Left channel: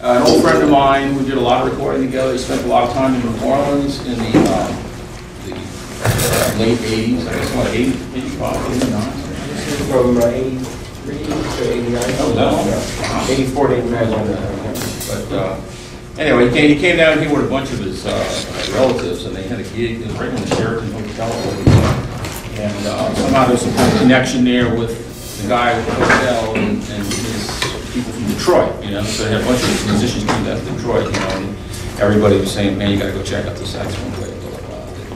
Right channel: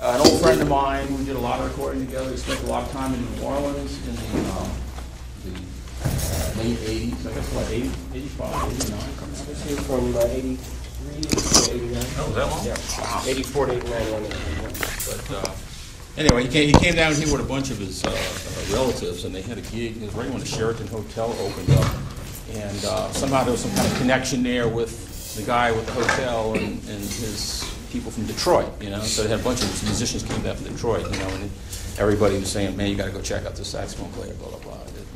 An old friend of mine, we did a lot of recording together. He spent a lot of time in New Orleans in the late 80s, I guess, what, 80, 85, 89? From 83 to 89. Oh, that long? 84 to 89. But anyway, he came down here with a bunch of his relatives, and they had a gig. It was right in the Sheraton Hotel. And somehow there's some kind of connection there with the guy with the hotel and his people from Detroit, you know. So they had a bunch of musicians came down to Detroit, you know, and everybody was saying, man, you got to go check out the saxophone player.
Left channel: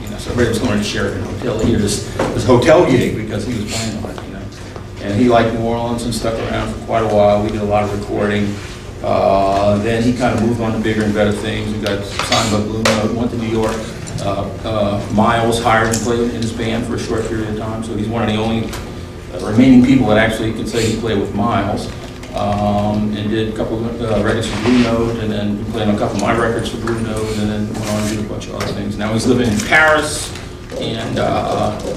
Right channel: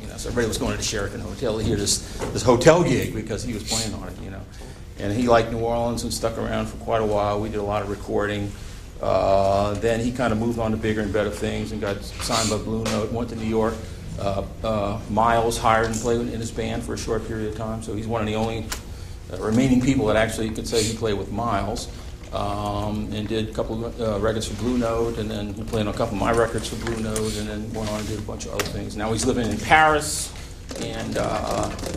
You know, so everybody was going to Sheraton Hotel to hear this hotel gig because he was playing on it, you know. And he liked New Orleans and stuck around for quite a while. We did a lot of recording. Then he kind of moved on to bigger and better things. We got signed by Blue Note, went to New York. Miles hired him to play in his band for a short period of time, so he's one of the only remaining people that actually can say he played with Miles. And did a couple of records for Blue Note, and then played on a couple of my records for Blue Note, and then went on and did a bunch of other things. Now he's living in Paris, and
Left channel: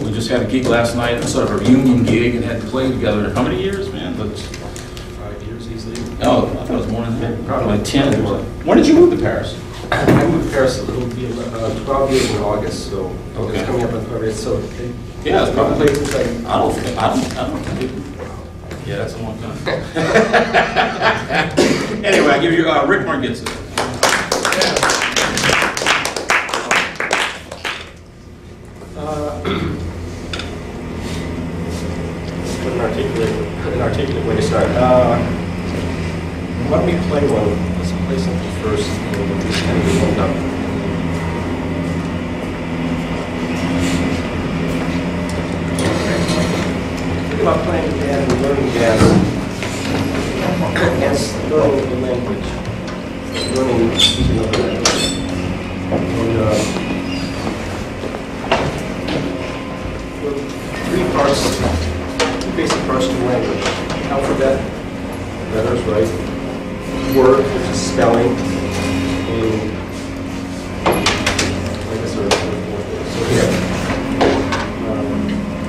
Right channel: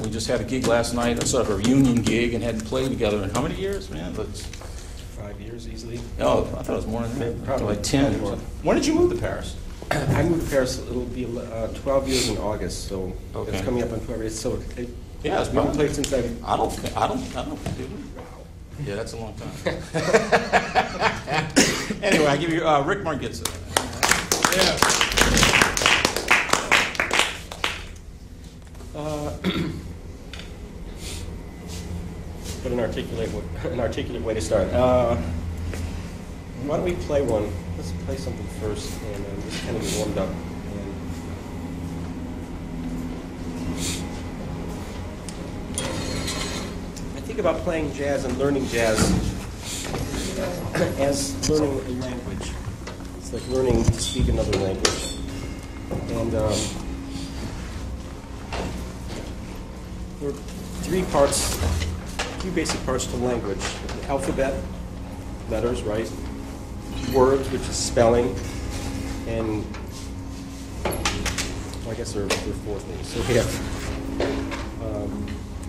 we just had a gig last night, sort of a reunion gig, and had to play together. How many years, man? That's 5 years easily. Oh, I thought it was more than maybe, probably like 10. When did you move to Paris? I moved to Paris, it'll be 12 years in August, so Okay. it's coming up on 12 years. So Yeah, it's probably. place since I don't think it. Yeah, that's a long time. Anyway, I give you Rick Margitza. Put an articulate way to start. Why don't we play one? Let's play something first, and then just kind of get warmed up. Think about playing jazz and learning jazz as learning a language, learning another language. And three parts, two basic parts to language: alphabet, letters, right? Word, which is spelling, and I guess there's a fourth bit. So here,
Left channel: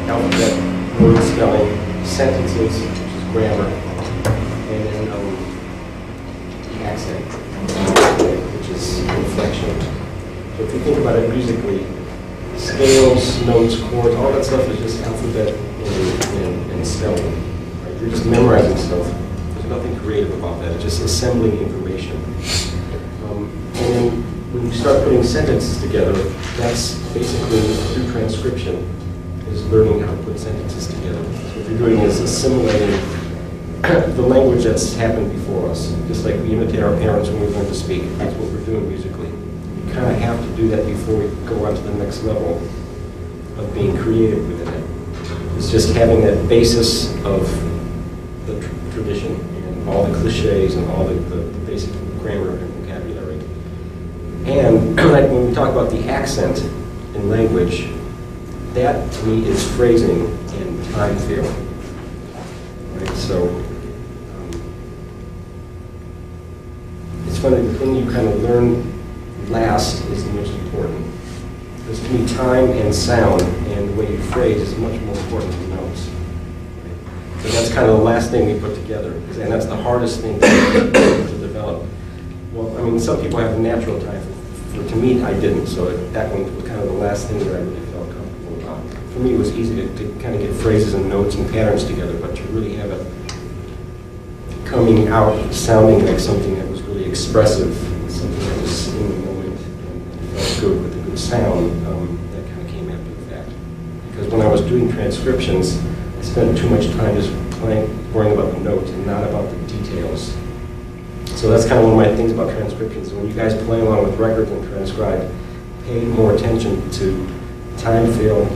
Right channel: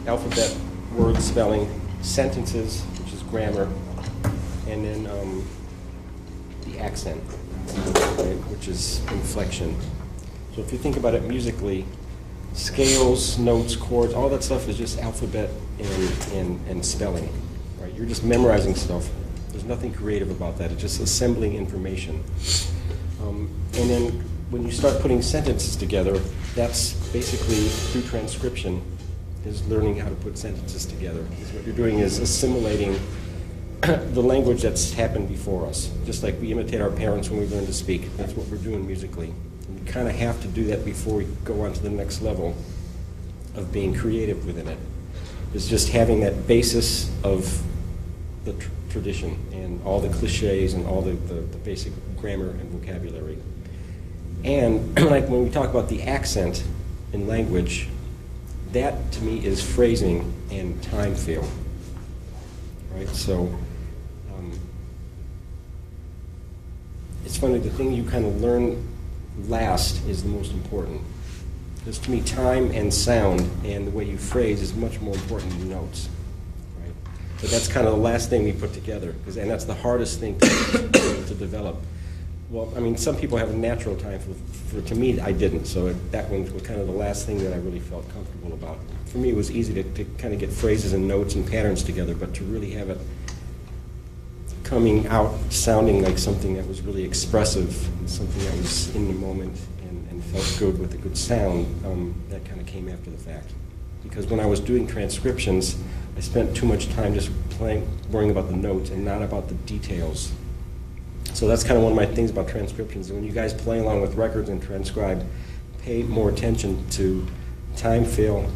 alphabet, word, spelling, sentences, which is grammar, and then accent, which is inflection. So if you think about it musically, scales, notes, chords, all that stuff is just alphabet and spelling. Right? You're just memorizing stuff. There's nothing creative about that. It's just assembling information. And then when you start putting sentences together, that's basically through transcription, is learning how to put sentences together. So what you're doing is assimilating the language that's happened before us. Just like we imitate our parents when we learn to speak. That's what we're doing musically. We kind of have to do that before we go on to the next level of being creative within it. It's just having that basis of the tradition and all the cliches and all the basic grammar and vocabulary. And like when we talk about the accent in language, that to me is phrasing and time feel. Right? So it's funny, the thing you kind of learn last is the most important. Because to me, time and sound and the way you phrase is much more important than notes. Right? But that's kind of the last thing we put together, and that's the hardest thing to develop. Well, I mean, some people have a natural time. To me, I didn't, so that one was kind of the last thing that I really felt comfortable about. For me, it was easy to kind of get phrases and notes and patterns together, but to really have it coming out sounding like something that was really expressive, something that was in the moment and felt good with a good sound, that kind of came after the fact. Because when I was doing transcriptions, I spent too much time just worrying about the notes and not about the details. So that's kind of one of my things about transcriptions. When you guys play along with records and transcribe, pay more attention to time feel,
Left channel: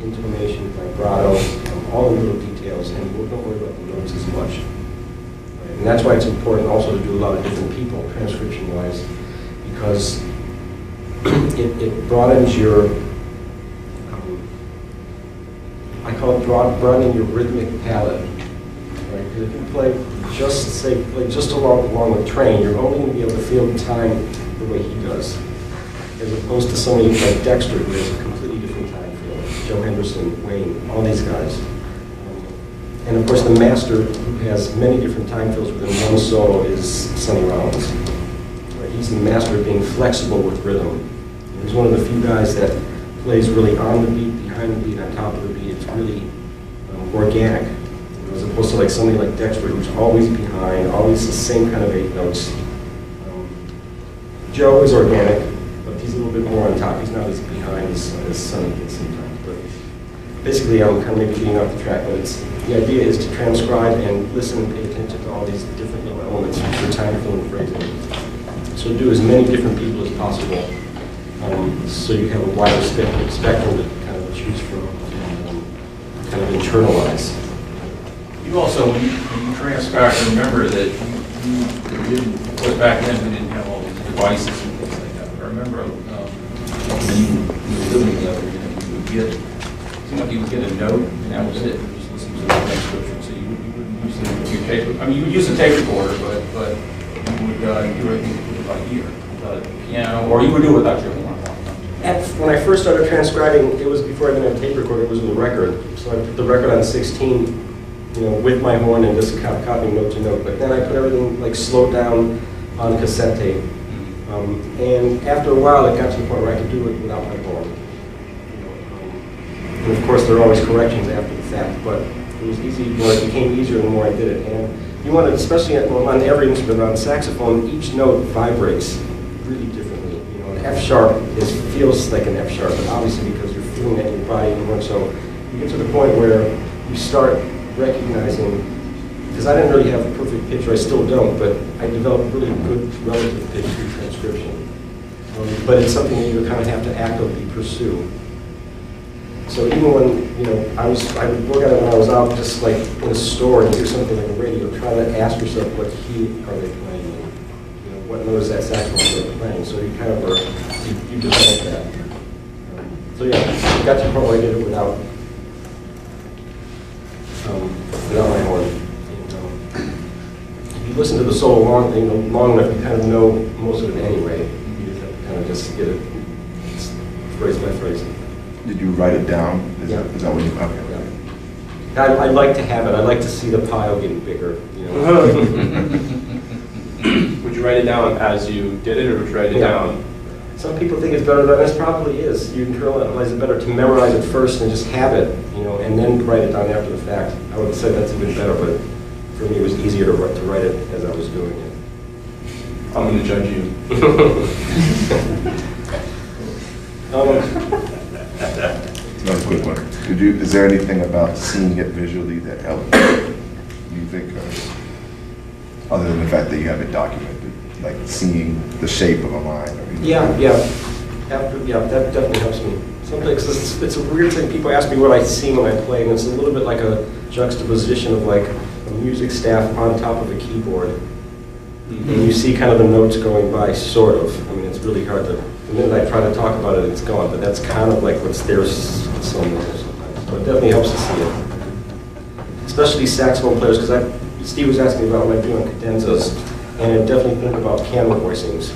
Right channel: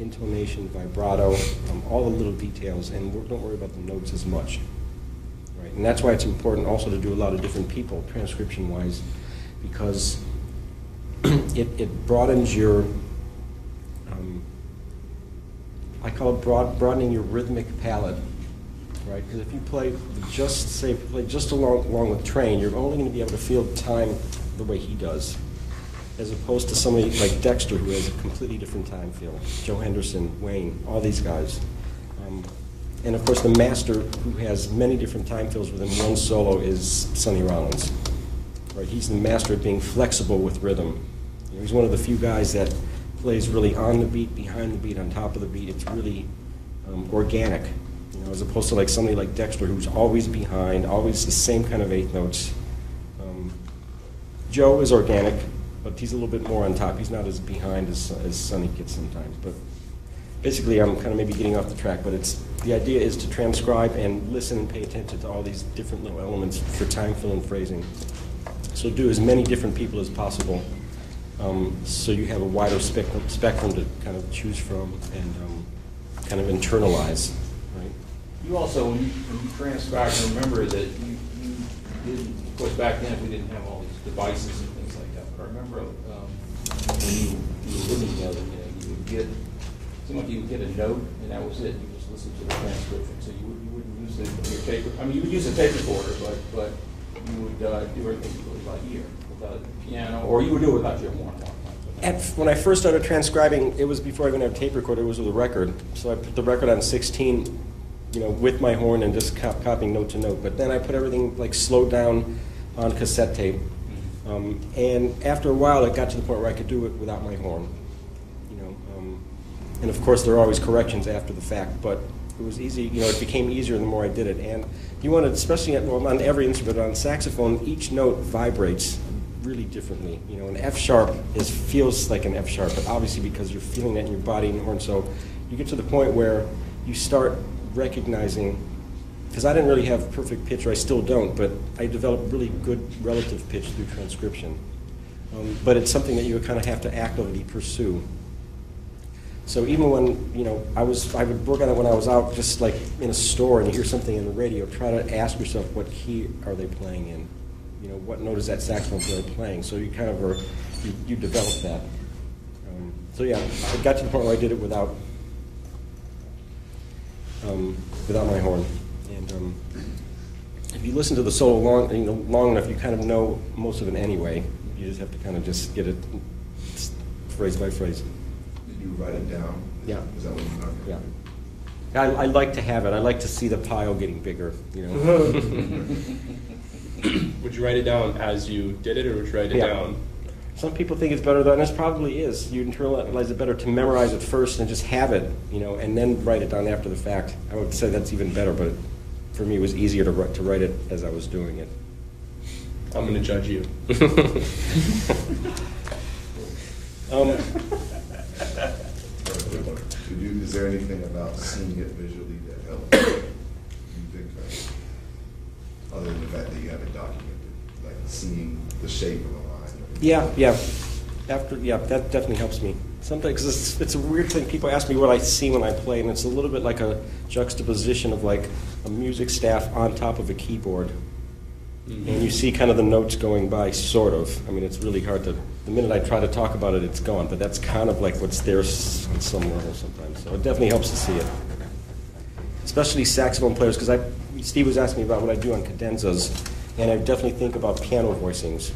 intonation, vibrato, all the little details, and don't worry about the notes as much. Right? And that's why it's important also to do a lot of different people, transcription-wise, because it broadens your, I call it broadening your rhythmic palette. Right? Because if you play just along with Train, you're only going to be able to feel the time the way he does, as opposed to somebody like Dexter, who has a completely different time feel. Joe Henderson, Wayne, all these guys. And of course, the master, who has many different time fills within one solo, is Sonny Rollins. Right? He's the master of being flexible with rhythm. And he's one of the few guys that plays really on the beat, behind the beat, on top of the beat. It's really organic, you know, as opposed to like somebody like Dexter, who's always behind, always the same kind of 8 notes. Joe is organic, but he's a little bit more on top. He's not as behind as Sonny can sometimes. But basically, I'm kind of maybe getting off the track, but the idea is to transcribe and listen and pay attention to all these different little elements for time fill and phrasing. So do as many different people as possible, so you have a wider spectrum to kind of choose from and kind of internalize. You also, when you transcribe, remember that you didn't, of course, back then we didn't have all these devices and things like that. But I remember when you were living together, you would get, it seemed like you would get a note, and that was it. You just listen to the transcription. So you wouldn't use your tape. I mean, you would use a tape recorder, but you would do everything by ear, piano, or you would do it without your horn. When I first started transcribing, it was before I even had a tape recorder. It was with a record. So I put the record on 16. You know, with my horn and just copying note to note. But then I put everything like slowed down on cassette tape. And after a while, it got to the point where I could do it without my horn. You know, and of course, there are always corrections after the fact, but it was easy. You know, it became easier the more I did it. And you want to, especially on every instrument, on saxophone, each note vibrates really differently. You know, an F sharp feels like an F sharp, but obviously because you're feeling that in your body and horn. So you get to the point where you start recognizing, because I didn't really have a perfect pitch, or I still don't, but I developed really good relative pitch through transcription. But it's something that you kind of have to actively pursue. So even when, you know, I would work on it when I was out just like in a store and you hear something like a radio, try to ask yourself what key are they playing in? You know, what note is that saxophone they're playing? So you kind of are, you develop that. So yeah, I got to the point where I did it without my horn. And, if you listen to the solo long enough, you kind of know most of it anyway. You just have to kind of just get it phrase by phrase. Did you write it down? Yeah. Is that what you okay? Yeah. I like to have it. I like to see the pile getting bigger. You know? Would you write it down as you did it, or would you write it down? Some people think it's better than this probably is. You internalize it better to memorize it first and just have it, you know, and then write it down after the fact. I would say that's even better, but for me it was easier to write it as I was doing it. I'm going to judge you. Another quick one. Is there anything about seeing it visually that helped you think of, other than the fact that you have it documented? Like seeing the shape of a line? Yeah. That definitely helps me. Sometimes it's a weird thing. People ask me what I see when I play, and it's a little bit like a juxtaposition of like a music staff on top of a keyboard. Mm-hmm. And you see kind of the notes going by, sort of. I mean, it's really hard to, the minute I try to talk about it, it's gone, but that's kind of like what's there somewhere sometimes. So it definitely helps to see it. Especially saxophone players, because Steve was asking about what I do on cadenzas. And I definitely think about piano voicings.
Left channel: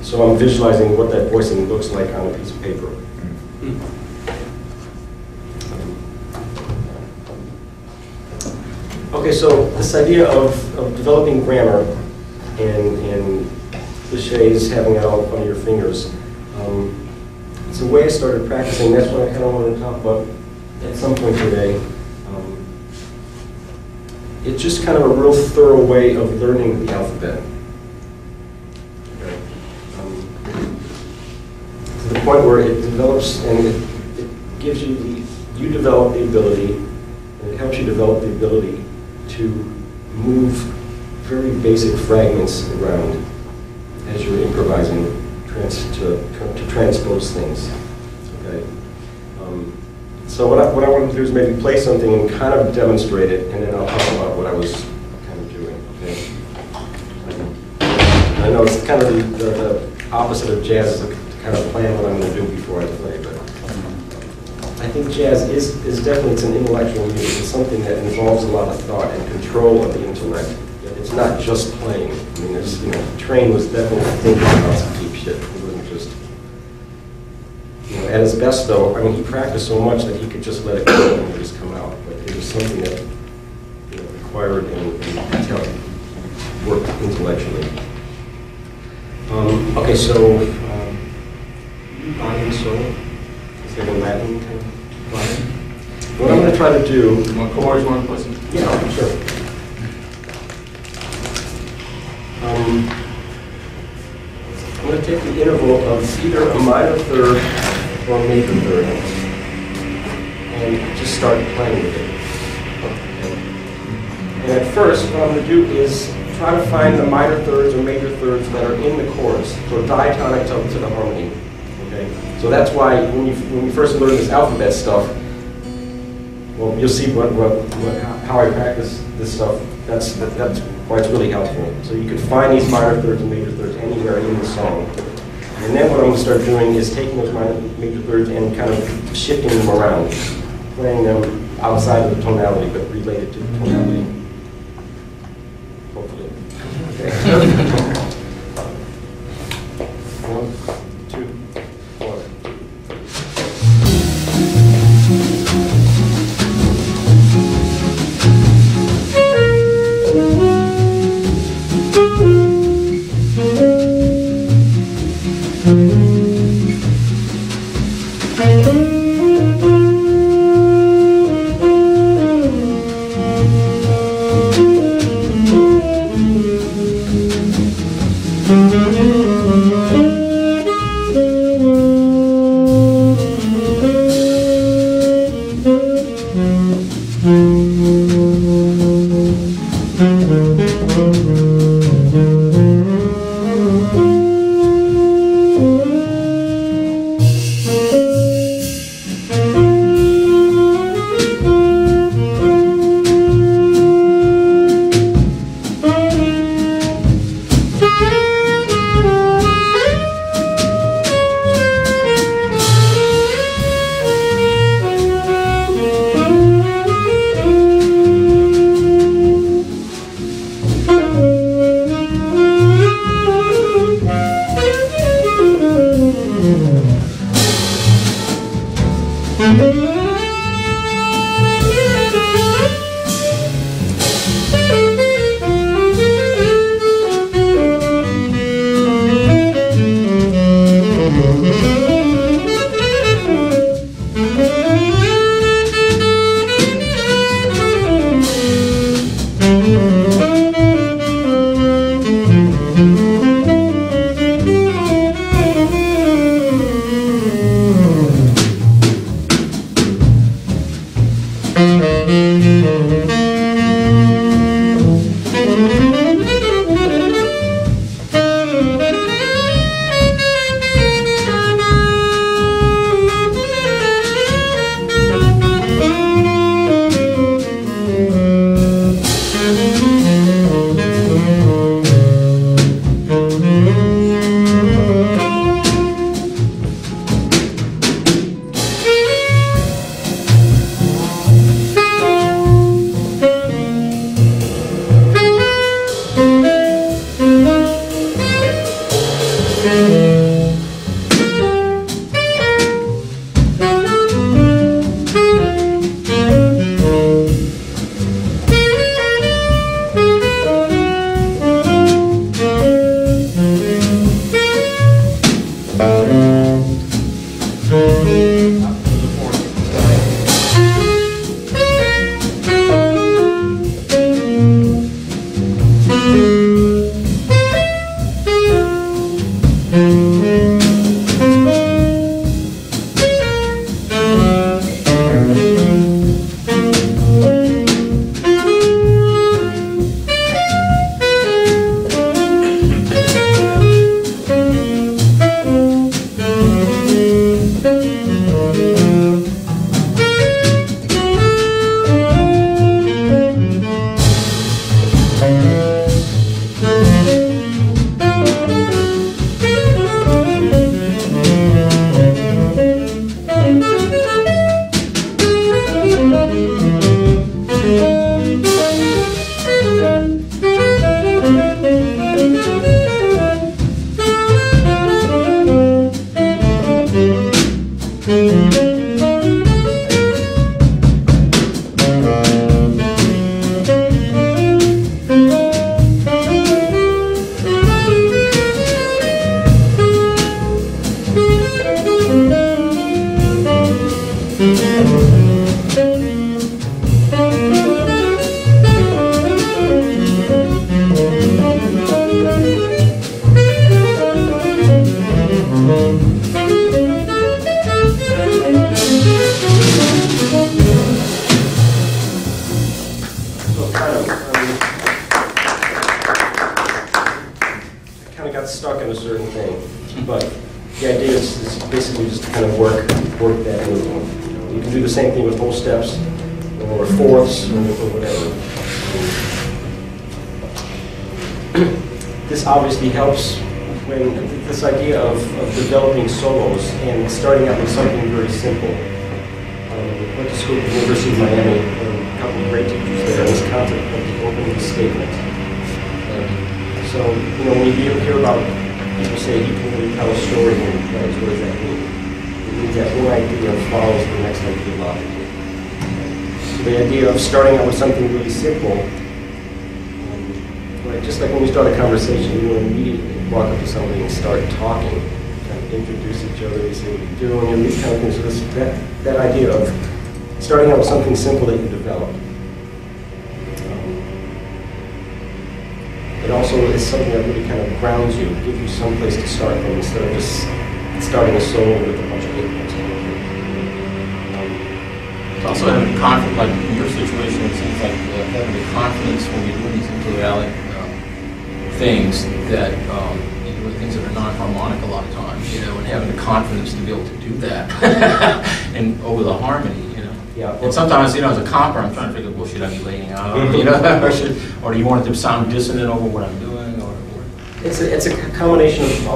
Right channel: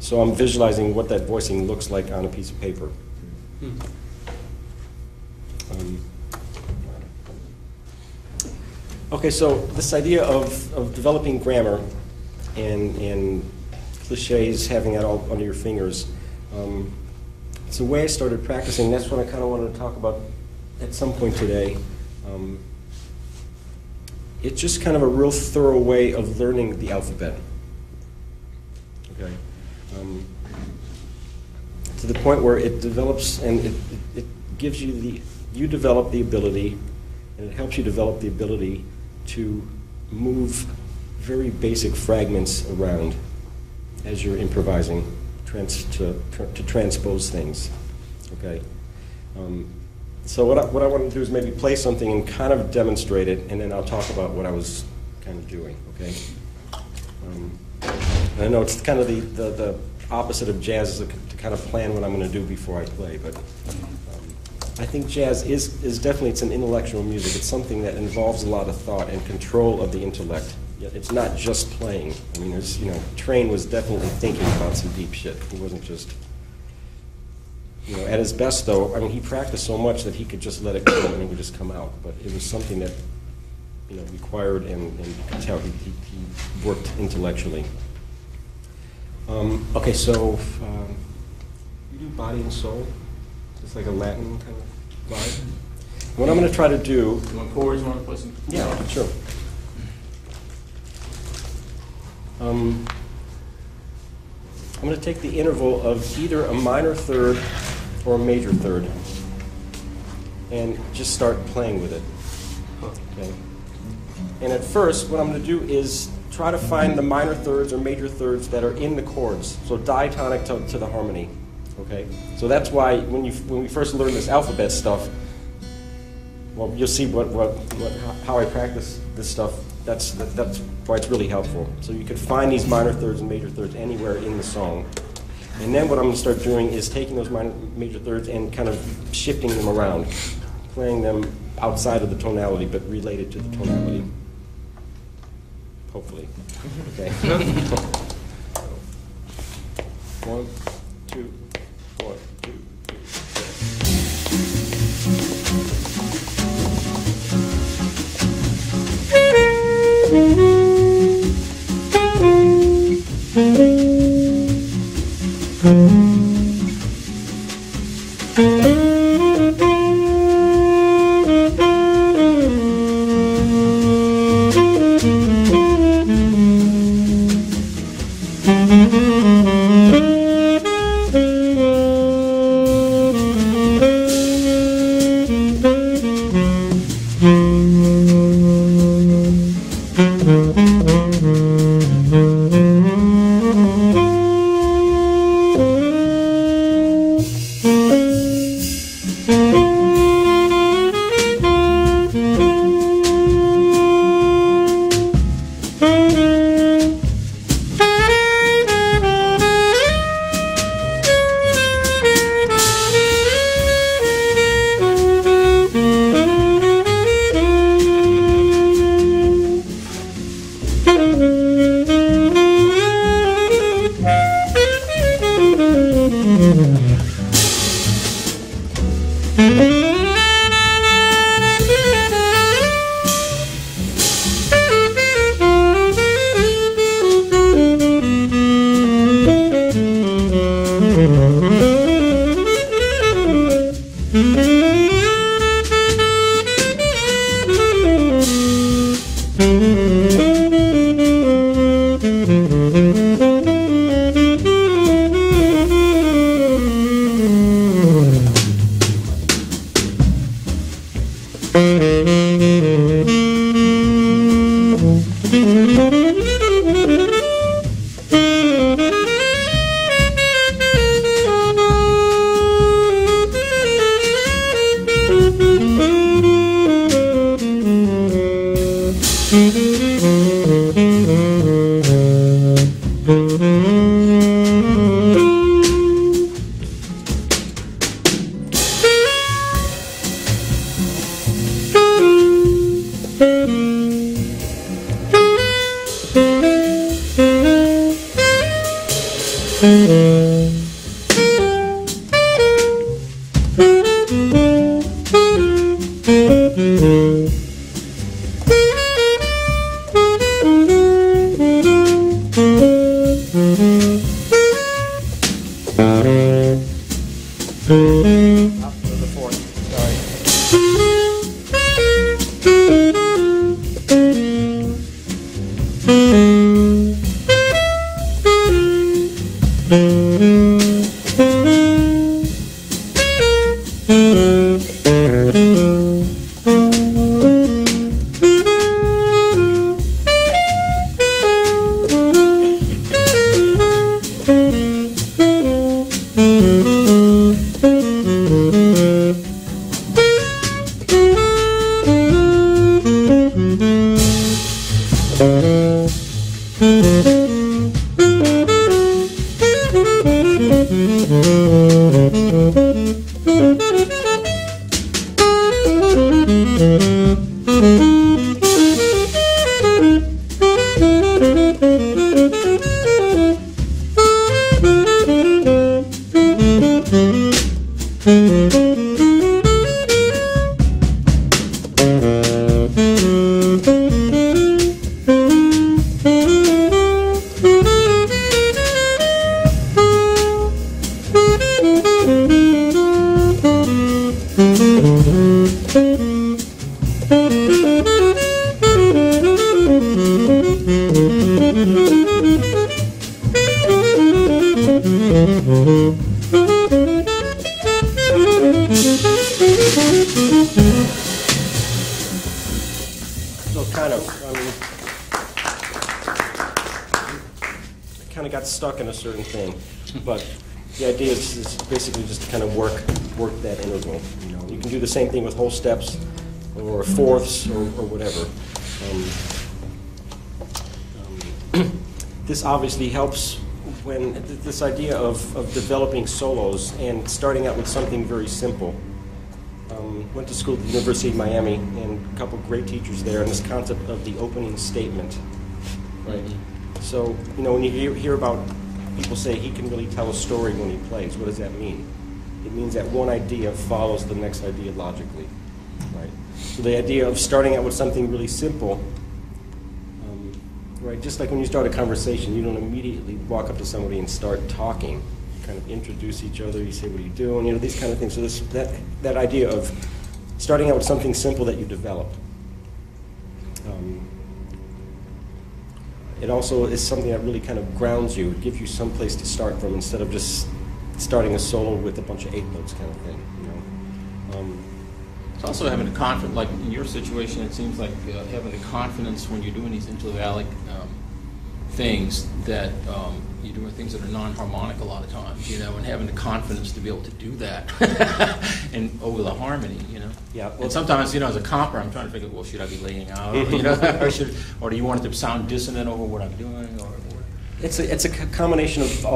So I'm visualizing what that voicing looks like on a piece of paper. Okay, so this idea of developing grammar and cliches, having that all up under your fingers, it's a way I started practicing. That's what I kind of wanted to talk about at some point today. It's just kind of a real thorough way of learning the alphabet. Okay. To the point where it develops and it gives you you develop the ability, and it helps you develop the ability to move very basic fragments around as you're improvising to transpose things. Okay. So what I wanted to do is maybe play something and kind of demonstrate it, and then I'll talk about what I was kind of doing. Okay. I know it's kind of the opposite of jazz, is to kind of plan what I'm going to do before I play, but I think jazz is definitely, it's an intellectual music. It's something that involves a lot of thought and control of the intellect. It's not just playing. I mean, there's, Train was definitely thinking about some deep shit. It wasn't just You know, at his best, though, I mean, he practiced so much that he could just let it go and it would just come out. But it was something that, you know, required and worked intellectually. Okay, so body and soul. It's like a Latin kind of body. What I'm going to try to do. My chords, one person. Yeah, sure. I'm going to take the interval of either a minor third or a major third and just start playing with it. And at first, what I'm going to do is try to find the minor thirds or major thirds that are in the chorus, so diatonic to the harmony. Okay, so that's why when you first learn this alphabet stuff, well, you'll see how I practice this stuff. That's why it's really helpful. So you can find these minor thirds and major thirds anywhere in the song. And then what I'm going to start doing is taking those minor major thirds and kind of shifting them around, playing them outside of the tonality, but related to the tonality. Hopefully. Okay. 1, 2, 4. Kind of got stuck in a certain thing, but the idea is basically just to kind of work that interval. You can do the same thing with whole steps or fourths or whatever. This obviously helps when this idea of developing solos and starting out with something very simple. Went to school at the University of Miami, and a couple of great teachers there, and this concept of the opening statement. So, when you hear about people say you can really tell a story when you play, so what does that mean? It means that one idea follows the next idea logically. So the idea of starting out with something really simple, right, just like when we start a conversation, you don't immediately walk up to somebody and start talking, kind of introduce each other, and say what you do, and these kind of things. So that idea of starting out with something simple that you develop. It also is something that really kind of grounds you, gives you some place to start from instead of just starting a solo with a bunch of 8 notes. It's also having the confidence, like in your situation, it seems like having the confidence when you're doing these intervallic things that, with things that are non-harmonic a lot of times, and having the confidence to be able to do that and over the harmony, Yeah. And sometimes, as a comper, I'm trying to figure, well, should I be laying out, or do you want it to sound dissonant over what I'm doing, or? It's a combination of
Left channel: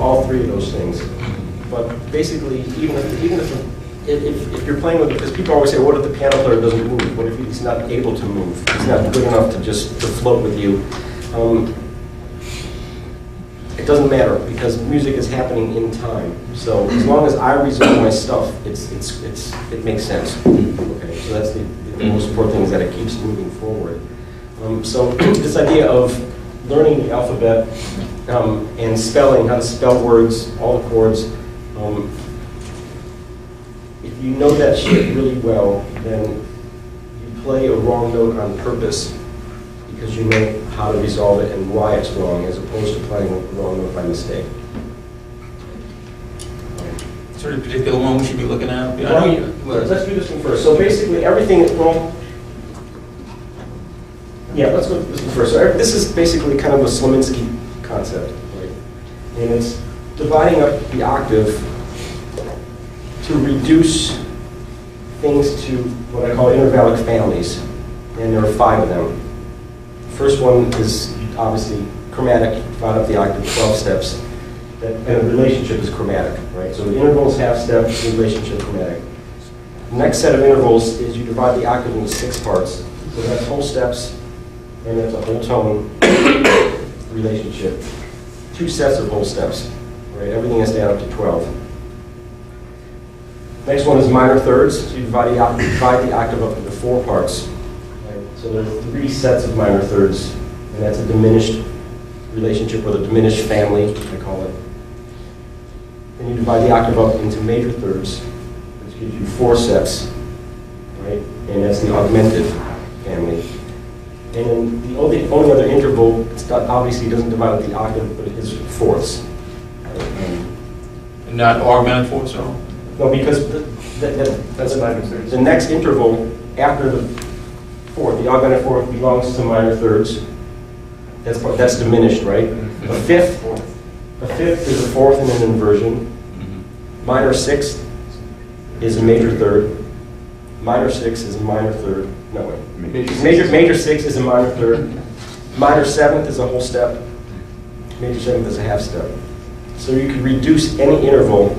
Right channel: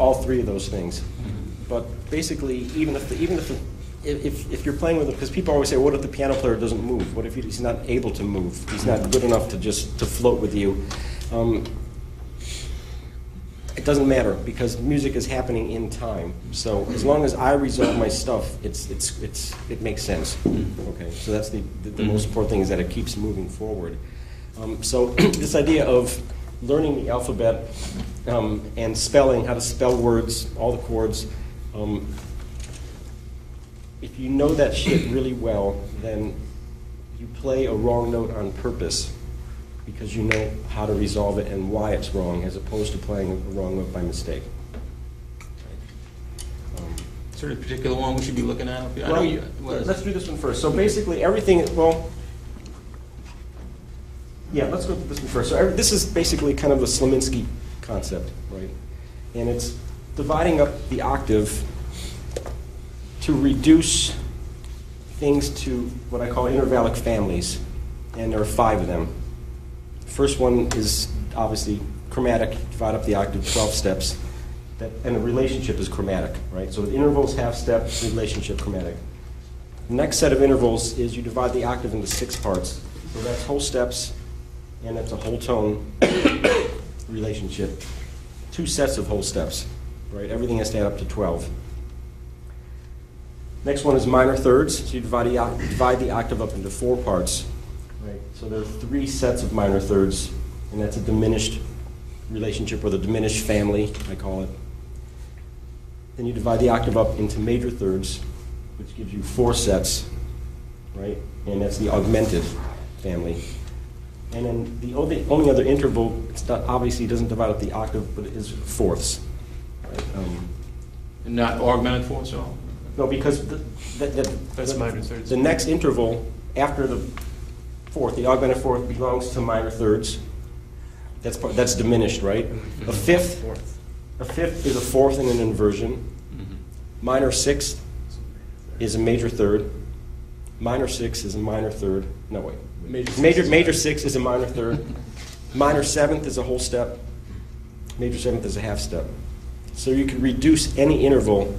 all three of those things. But basically, even if you're playing with, because people always say, what if the piano player doesn't move? What if he's not able to move? He's not good enough to float with you. It doesn't matter because music is happening in time. So as long as I resolve my stuff, it makes sense. Okay, so that's the most important thing is that it keeps moving forward. So this idea of learning the alphabet and spelling, how to spell words, all the chords. If you know that shit really well, then you play a wrong note on purpose because you know how to resolve it and why it's wrong, as opposed to playing a wrong note by mistake. Is there a particular one we should be looking at? Let's do this one first. So basically everything is, let's go with this one first. So this is basically kind of a Slominski concept, right? And it's dividing up the octave to reduce things to what I call intervallic families. And there are 5 of them. First one is obviously chromatic, divide up the octave 12 steps. And a relationship is chromatic, right? So the interval is half step, the relationship chromatic. The next set of intervals is you divide the octave into 6 parts. So that's whole steps, and that's a whole tone relationship. 2 sets of whole steps, right? Everything has to add up to 12. Next one is minor thirds. So you divide the octave up into 4 parts. So there are 3 sets of minor thirds, and that's a diminished relationship, or the diminished family, I call it. Then you divide the octave up into major thirds, which gives you 4 sets, right? And that's the augmented family. And then the only other interval, obviously doesn't divide up the octave, but it is fourths. And not augmented fourths at all? No, because the next interval after the fourth, the augmented fourth belongs to minor thirds. That's diminished, right? Mm-hmm. A fifth is a fourth in an inversion. Mm-hmm. Minor sixth is a major third. Minor sixth is a minor third. No way. Major sixth is a minor third. Minor seventh is a whole step. Major seventh is a half step. So you can reduce any interval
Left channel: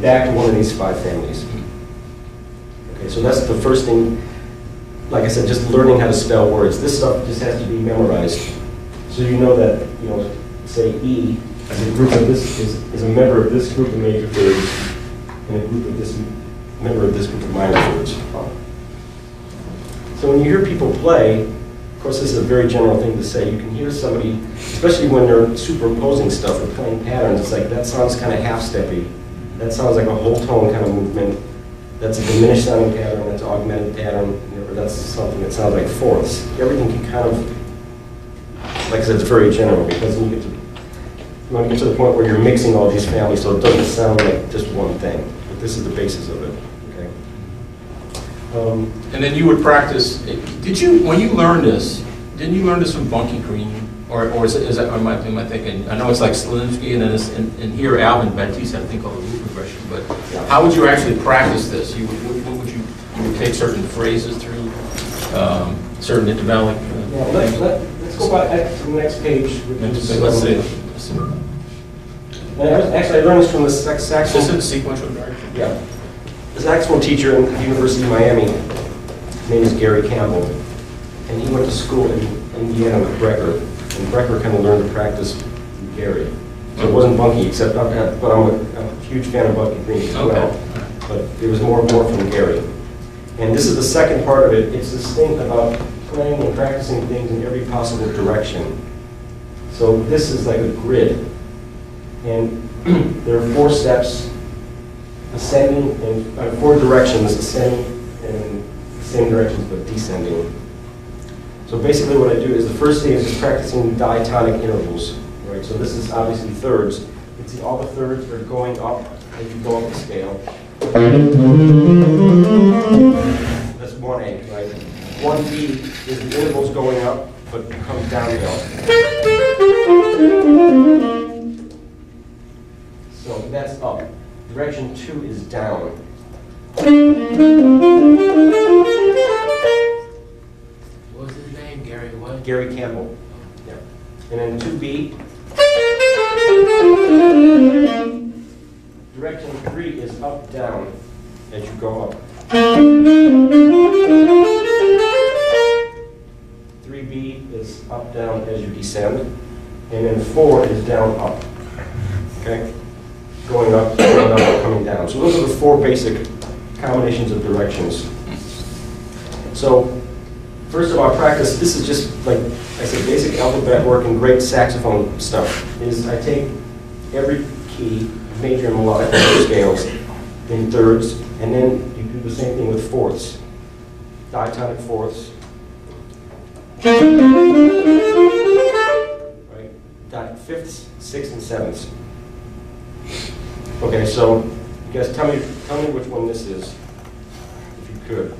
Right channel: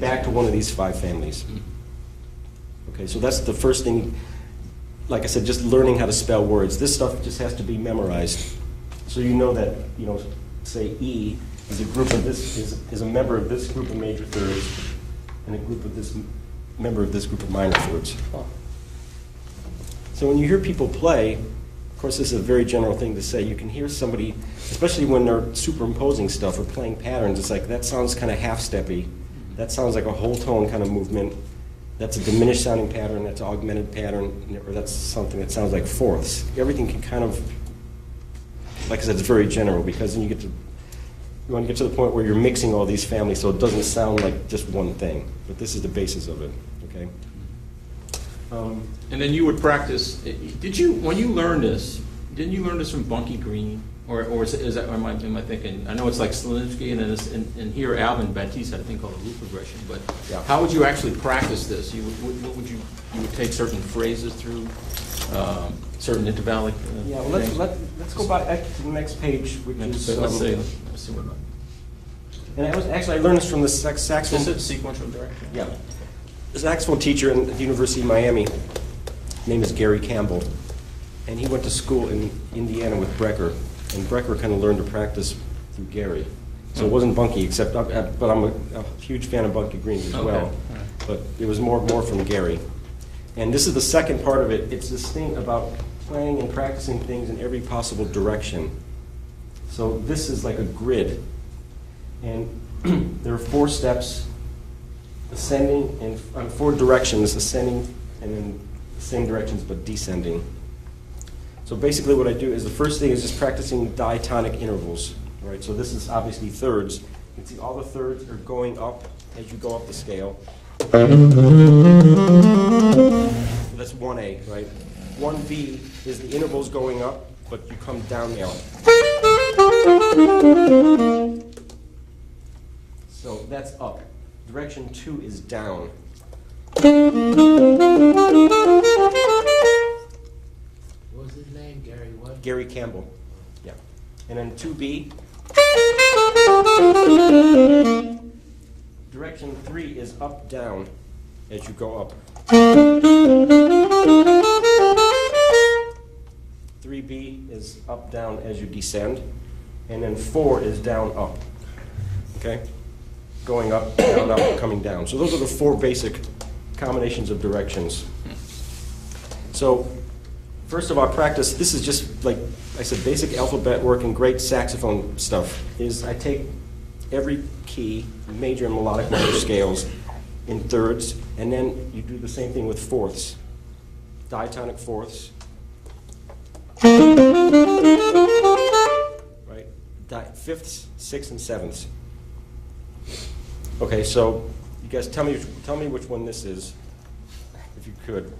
back to one of these 5 families. Okay, so that's the first thing. Like I said, just learning how to spell words. This stuff just has to be memorized. So you know that, say E, as a group of this, is a member of this group of major thirds. and a group of this member of this group of minor thirds. So when you hear people play, of course this is a very general thing to say, you can hear somebody, especially when they're superimposing stuff or playing patterns, it's like that sounds kind of half-steppy. That sounds like a whole tone kind of movement. That's a diminished sounding pattern, that's an augmented pattern, or that's something that sounds like fourths. Everything can kind of, like I said, it's very general, because when you want to get to the point where you're mixing all these families so it doesn't sound like just one thing. But this is the basis of it, okay? And then you would practice, when you learned this, didn't you learn this from Bunky Green? Or is that, am I thinking, I know it's like Slinsky, and then and here Alvin Baptiste had a thing called the root progression, but Yeah. how would you actually practice this? You would take certain phrases through, certain intervallic Let's go back to the next page. Which is, let's see. Actually, I learned this from the saxophone. This is sequential direction? Yeah. The saxophone teacher at the University of Miami, his name is Gary Campbell, and he went to school in Indiana with Brecker, and Brecker kind of learned to practice from Gary. So it wasn't Bunky, except, but I'm a huge fan of Bunky Green as well. Okay. But it was more from Gary. And this is the second part of it. It's this thing about playing and practicing things in every possible direction. So this is like a grid. And there are 4 steps, ascending, and 4 directions, ascending, and the same directions but descending. So basically what I do is the first thing is just practicing diatonic intervals, right? So this is obviously thirds. You can see all the thirds are going up as you go up the scale. That's 1A, right? 1B is the intervals going up, but become downhill. So that's up. Direction 2 is down. What was his name, Gary? What? Gary Campbell. Yeah. And then 2B. Direction 3 is up, down as you go up. 3B is up, down as you descend. And then 4 is down, up. Okay? Going up, coming down. So those are the 4 basic combinations of directions. So first of all, practice, this is just like I said, basic alphabet work and great saxophone stuff, is I take every key, major and melodic minor scales, in thirds, and then you do the same thing with fourths, diatonic fourths. Right? Fifths, sixths, and sevenths. Okay, so you guys tell me which one this is, if you could.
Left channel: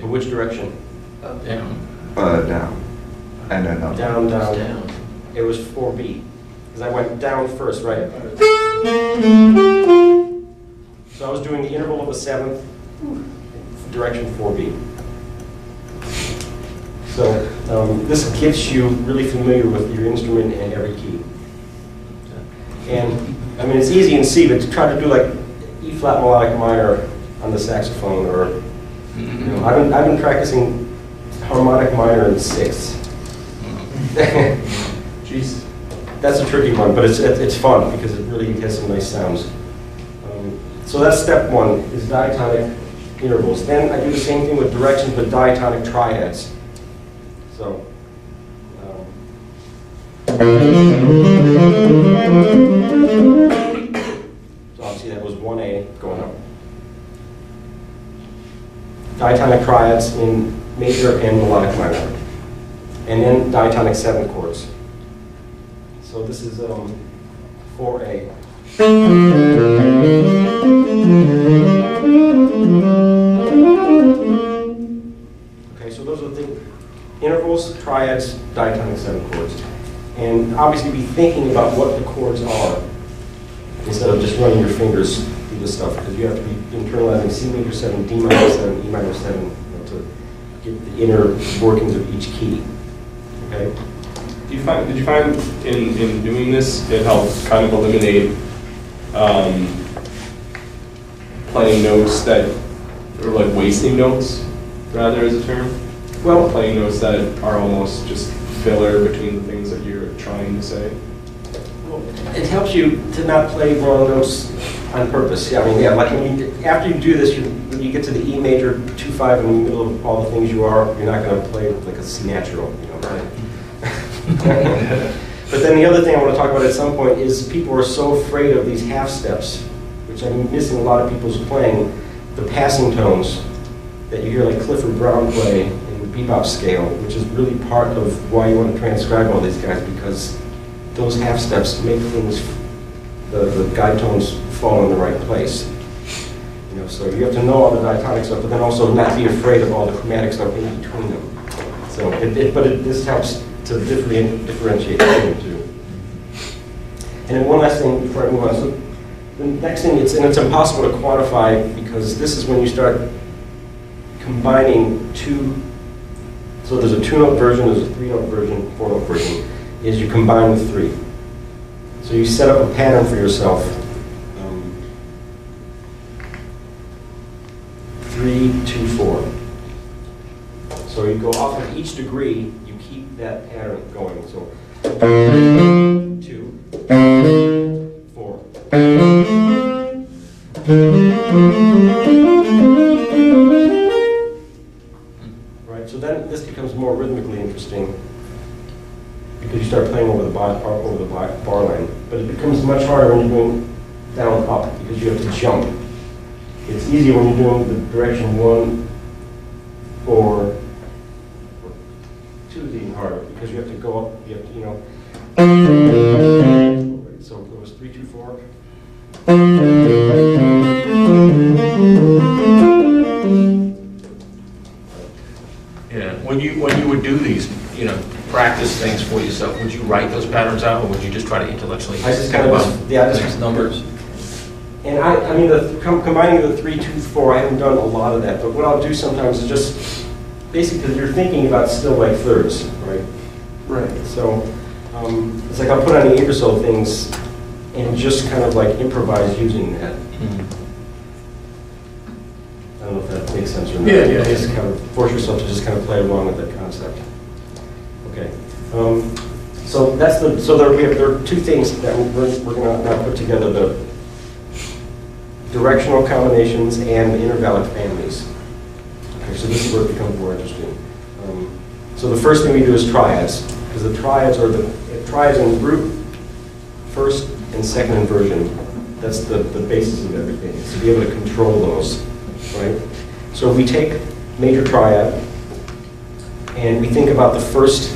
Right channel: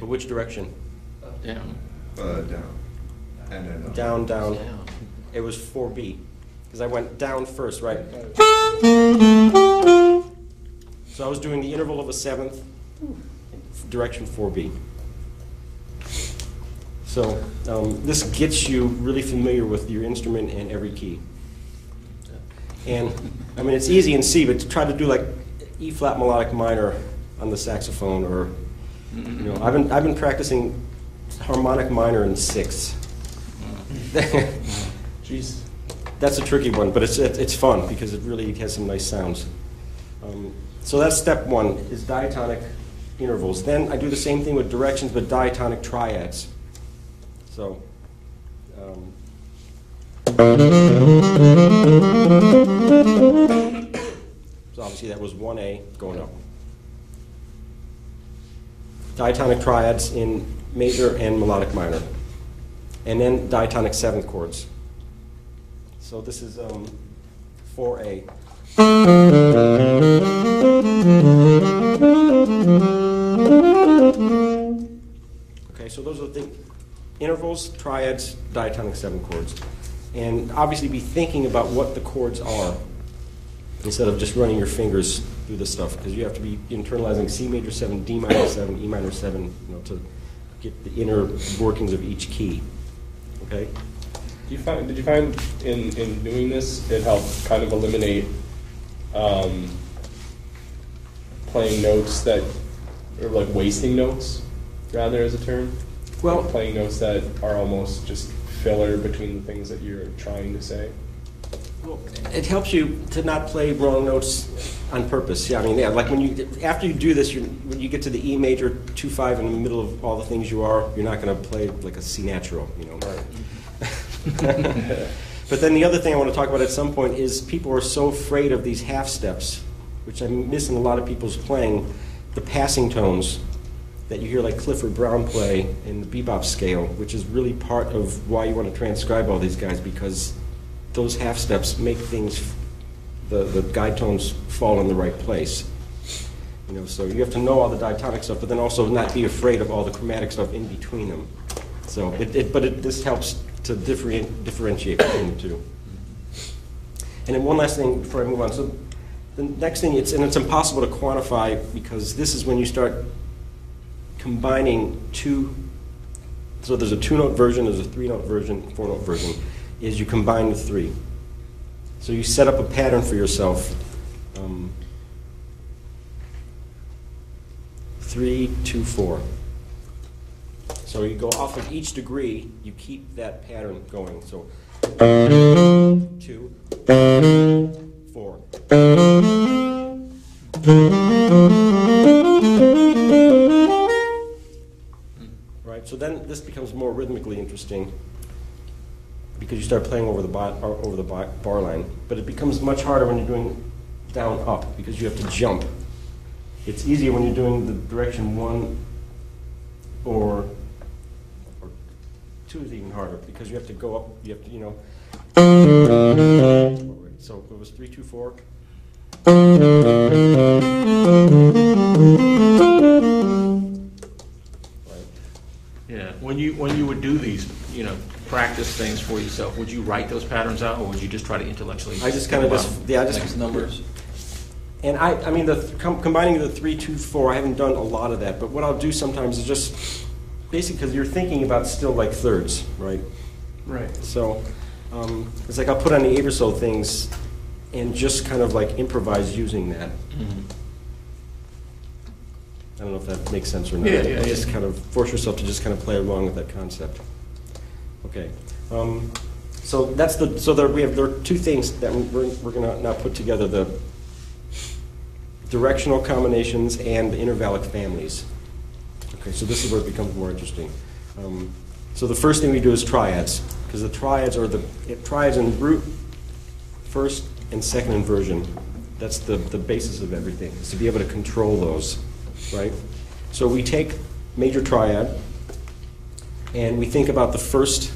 In which direction? Up, down. Down. And then up. Down, down. Down. It was 4B, because I went down first, right? So I was doing the interval of a seventh, direction 4B. So this gets you really familiar with your instrument and every key. And I mean, it's easy in C, but to try to do like E flat melodic minor on the saxophone, or you know, I've been practicing harmonic minor in sixths. Jeez. That's a tricky one, but it's fun because it really has some nice sounds. So that's step 1, is diatonic intervals. Then I do the same thing with directions, but diatonic triads. So. So obviously that was 1A going up. Diatonic triads in major and melodic minor. And then diatonic 7 chords. So this is 4A. Okay, so those are the intervals, triads, diatonic 7 chords. And obviously be thinking about what the chords are instead of just running your fingers through this stuff, because you have to be internalizing C major 7, D minor 7, E minor 7, you know, to get the inner workings of each key. Okay? Did you find in doing this, it helped kind of eliminate playing notes that, or like wasting notes, rather, as a term? Well, Playing notes that are almost just filler between the things that you're trying to say? Well, it helps you to not play wrong notes on purpose. Yeah, I mean, yeah, like when you, after you do this, when you get to the E major 2-5 in the middle of all the things you are, you're not going to play like a C natural, you know, right? But then the other thing I want to talk about at some point is people are so afraid of these half steps, which I'm missing a lot of people's playing, the passing tones that you hear like Clifford Brown play in the bebop scale, which is really part of why you want to transcribe all these guys, because those half steps make things, the guide tones fall in the right place. You know, so you have to know all the diatonic stuff, but then also not be afraid of all the chromatic stuff in between them. So, this helps to differentiate between the two. And then one last thing before I move on. So the next thing, it's impossible to quantify, because this is when you start combining two. So there's a 2-note version, there's a 3-note version, 4-note version. Is you combine the 3. So you set up a pattern for yourself. 3, 2, 4. So you go off of each degree, you keep that pattern going. So 2, 4. Right. So then this becomes more rhythmically interesting, because you start playing over the bar line. But it becomes much harder when you're doing down up, because you have to jump. It's easier when you're doing the direction 1, 4, or 2 is even harder, because you have to go up, you have to, you know. So it was 3, 2, 4. Yeah, when you would do these, you know, practice things for yourself, would you write those patterns out, or would you just try to intellectually? I just kind of, yeah, just numbers. And I mean, combining the 3, 2, 4, I haven't done a lot of that, but what I'll do sometimes is just, basically, because you're thinking about still like thirds, right? Right. So it's like I'll put on the Ingersoll things and just kind of like improvise using that. Mm-hmm. I don't know if that makes sense or not. Yeah. Just kind of force yourself to just kind of play along with that concept. Okay. So that's the, so there are 2 things that we're going to now put together: the directional combinations and the intervallic families. Okay, so this is where it becomes more interesting. So the first thing we do is triads, because the triads are triads in group, first and second inversion. That's the basis of everything, is to be able to control those, right? So we take major triad, and we think about the first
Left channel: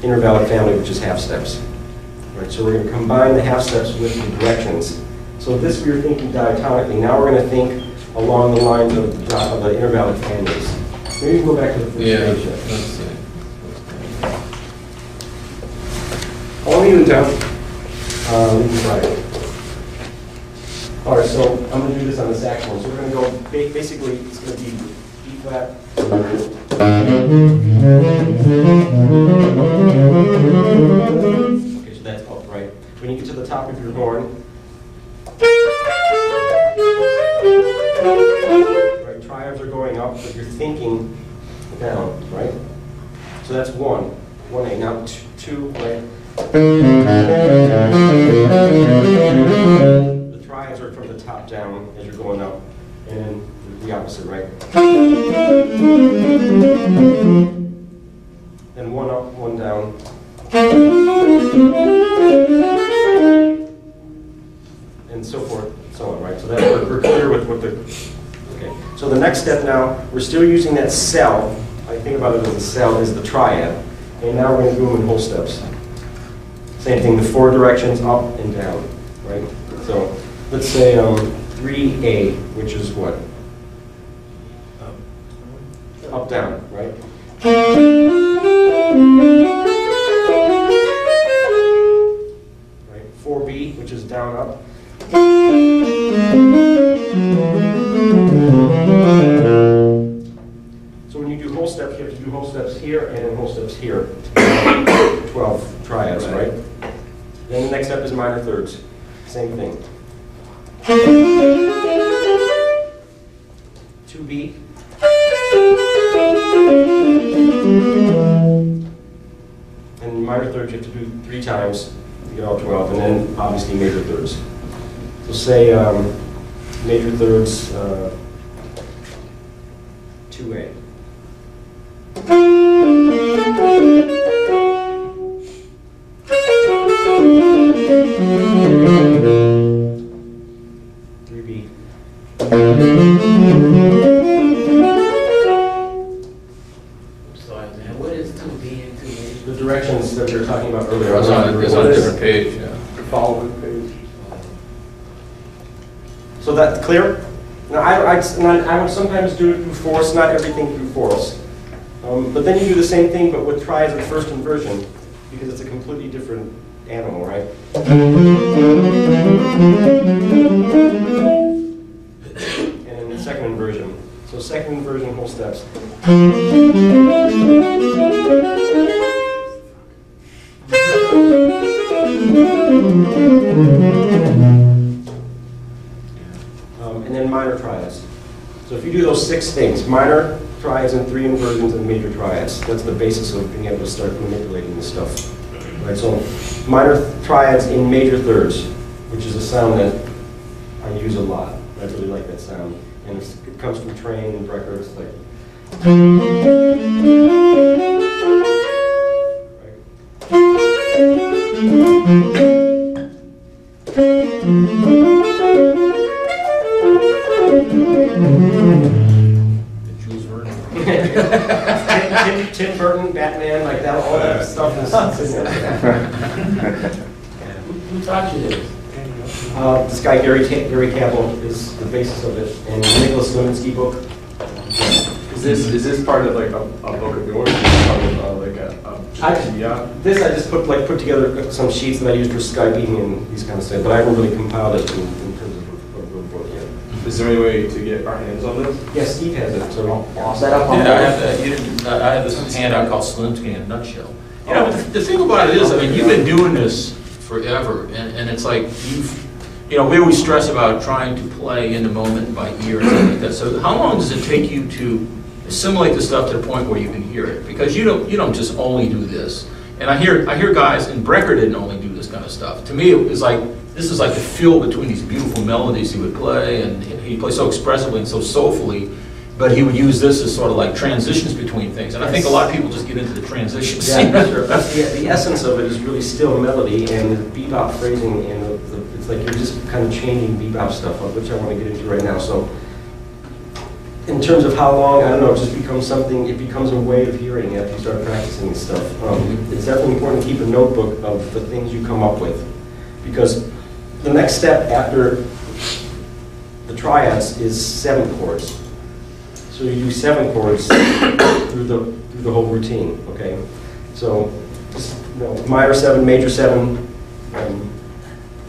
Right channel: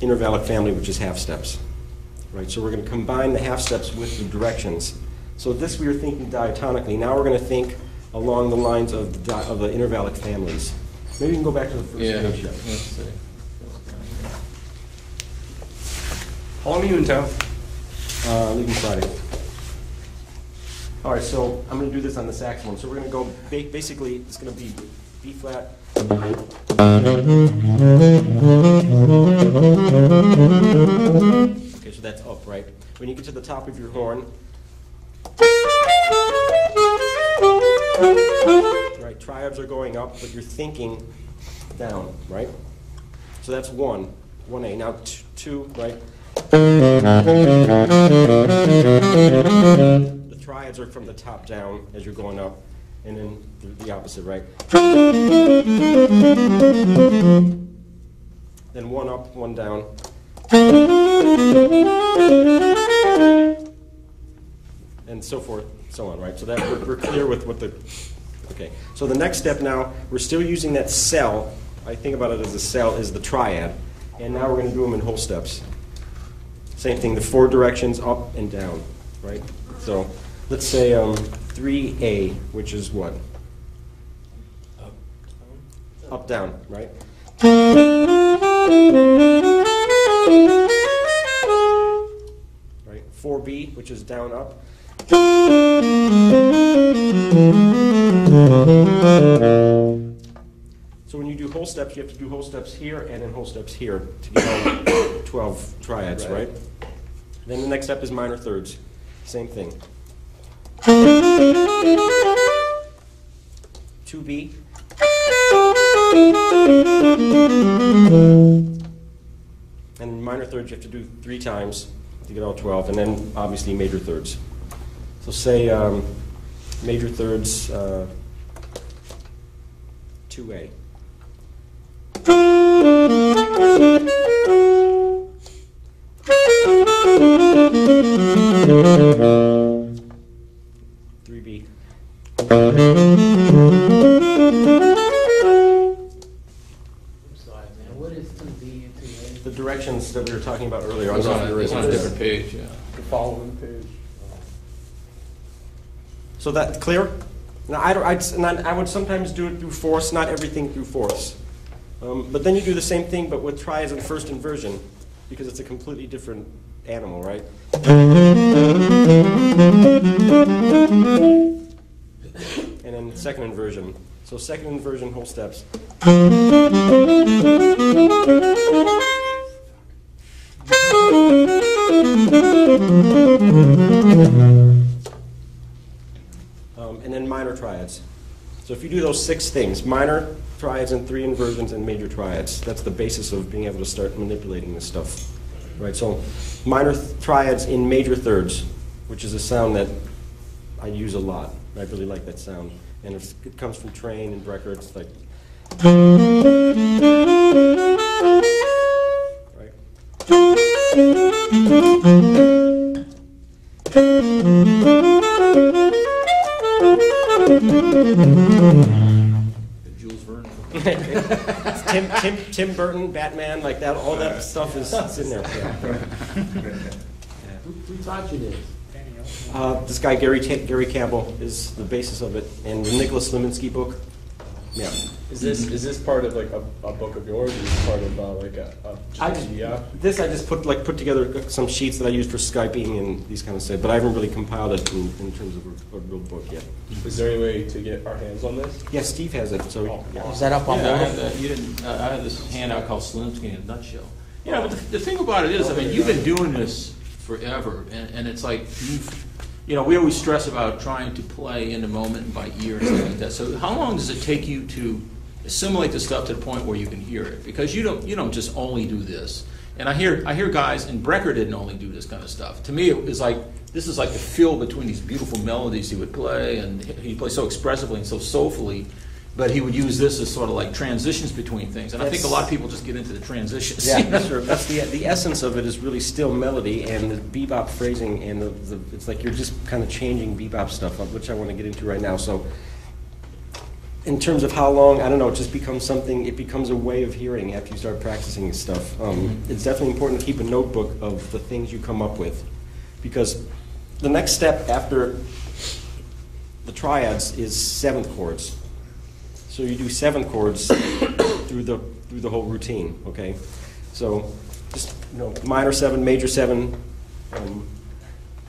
intervallic family, which is half steps. Right? So we're going to combine the half steps with the directions. So this we were thinking diatonically. Now we're going to think along the lines of the intervallic families. Maybe go back to the first page. Let's see. How long are you in town? We can try it. All right, so I'm going to do this on the saxophone. So we're going to go, basically, it's going to be B flat. Okay, so that's up, right? When you get to the top of your horn, right, triads are going up, but you're thinking down, right? So that's 1, 1A. Now 2, right? The triads are from the top down as you're going up, and then the opposite, right? Then 1 up, 1 down. And so forth, and so on, right? So that we're clear with what the, okay. So the next step now, we're still using that cell. I think about it as a cell, is the triad. And now we're going to do them in whole steps. Same thing, the 4 directions, up and down, right? So let's say 3A, which is what? Up, down, right? Right. 4B, which is down, up. So when you do whole steps, you have to do whole steps here and then whole steps here to get 12 triads, right? Then the next step is minor thirds. Same thing. 2B. And minor thirds you have to do 3 times to get all 12, and then obviously major thirds. So say major thirds 2A. What is 2B and 2A? The directions that we were talking about earlier. It's on a different page, yeah. Following page. So that's clear? Now, I would sometimes do it through fourths, not everything through fourths. But then you do the same thing, but with triads and first inversion, because it's a completely different animal, right? And then the second inversion. So second inversion, whole steps. And then minor triads. So if you do those 6 things, minor triads and 3 inversions and major triads, that's the basis of being able to start manipulating this stuff. Right, so minor triads in major thirds, which is a sound that I use a lot. I really like that sound. And it comes from Train and records like. Jules Verne. Tim Burton, Batman, like that, all that stuff is in there. Who taught you this? This guy, Gary Campbell, is the basis of it, in Nicholas Lewinsky book. Is this part of like a book of yours? Is this part of like a yeah? This I just put together some sheets that I used for Skyping and these kind of stuff, but I haven't really compiled it in terms of a real book yet. Is there any way to get our hands on this? Yeah, Steve has it, so Is that up on Yeah, I have this handout called Slimsky in a nutshell. You know, the thing about it is, I mean, you've been doing this forever, and it's like you know, we always stress about trying to play in the moment by ear and stuff like that. So how long does it take you to assimilate the stuff to the point where you can hear it? Because you don't just only do this. And I hear guys, and Brecker didn't only do this kind of stuff. To me, it was like, this is like the fill between these beautiful melodies he would play, and he played so expressively and so soulfully, but he would use this as sort of like transitions between things. And I think a lot of people just get into the transitions. yeah, sure. That's the essence of it is really still melody and the bebop phrasing, and it's like you're just kind of changing bebop stuff, which I want to get into right now. So in terms of how long, I don't know, it just becomes something, it becomes a way of hearing after you start practicing this stuff. It's definitely important to keep a notebook of the things you come up with, because the next step after the triads is 7 chords. So you do 7 chords through the whole routine, okay? So just, you know, minor 7, major 7.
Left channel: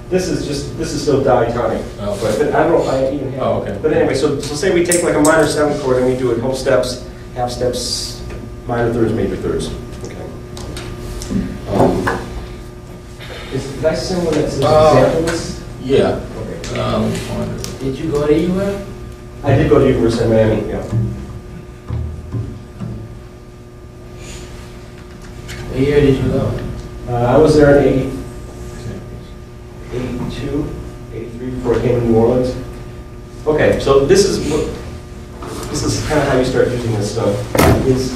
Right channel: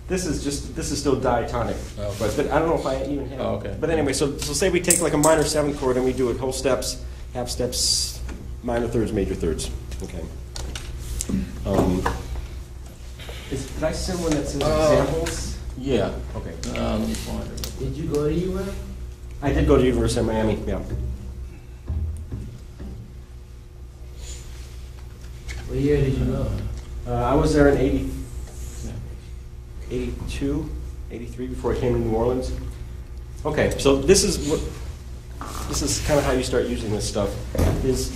This is still diatonic, Oh, but I don't know if I even have. Oh, okay. But anyway, so say we take like a minor 7 chord and we do it whole steps, half steps, minor thirds, major thirds. Okay. Is I similar that to examples? Yeah. Okay. Did you go to UF? I did go to University of Miami. Yeah. What year did you go? I was there in 82, 83 before I came to New Orleans. Okay, so this is kind of how you start using this stuff. Is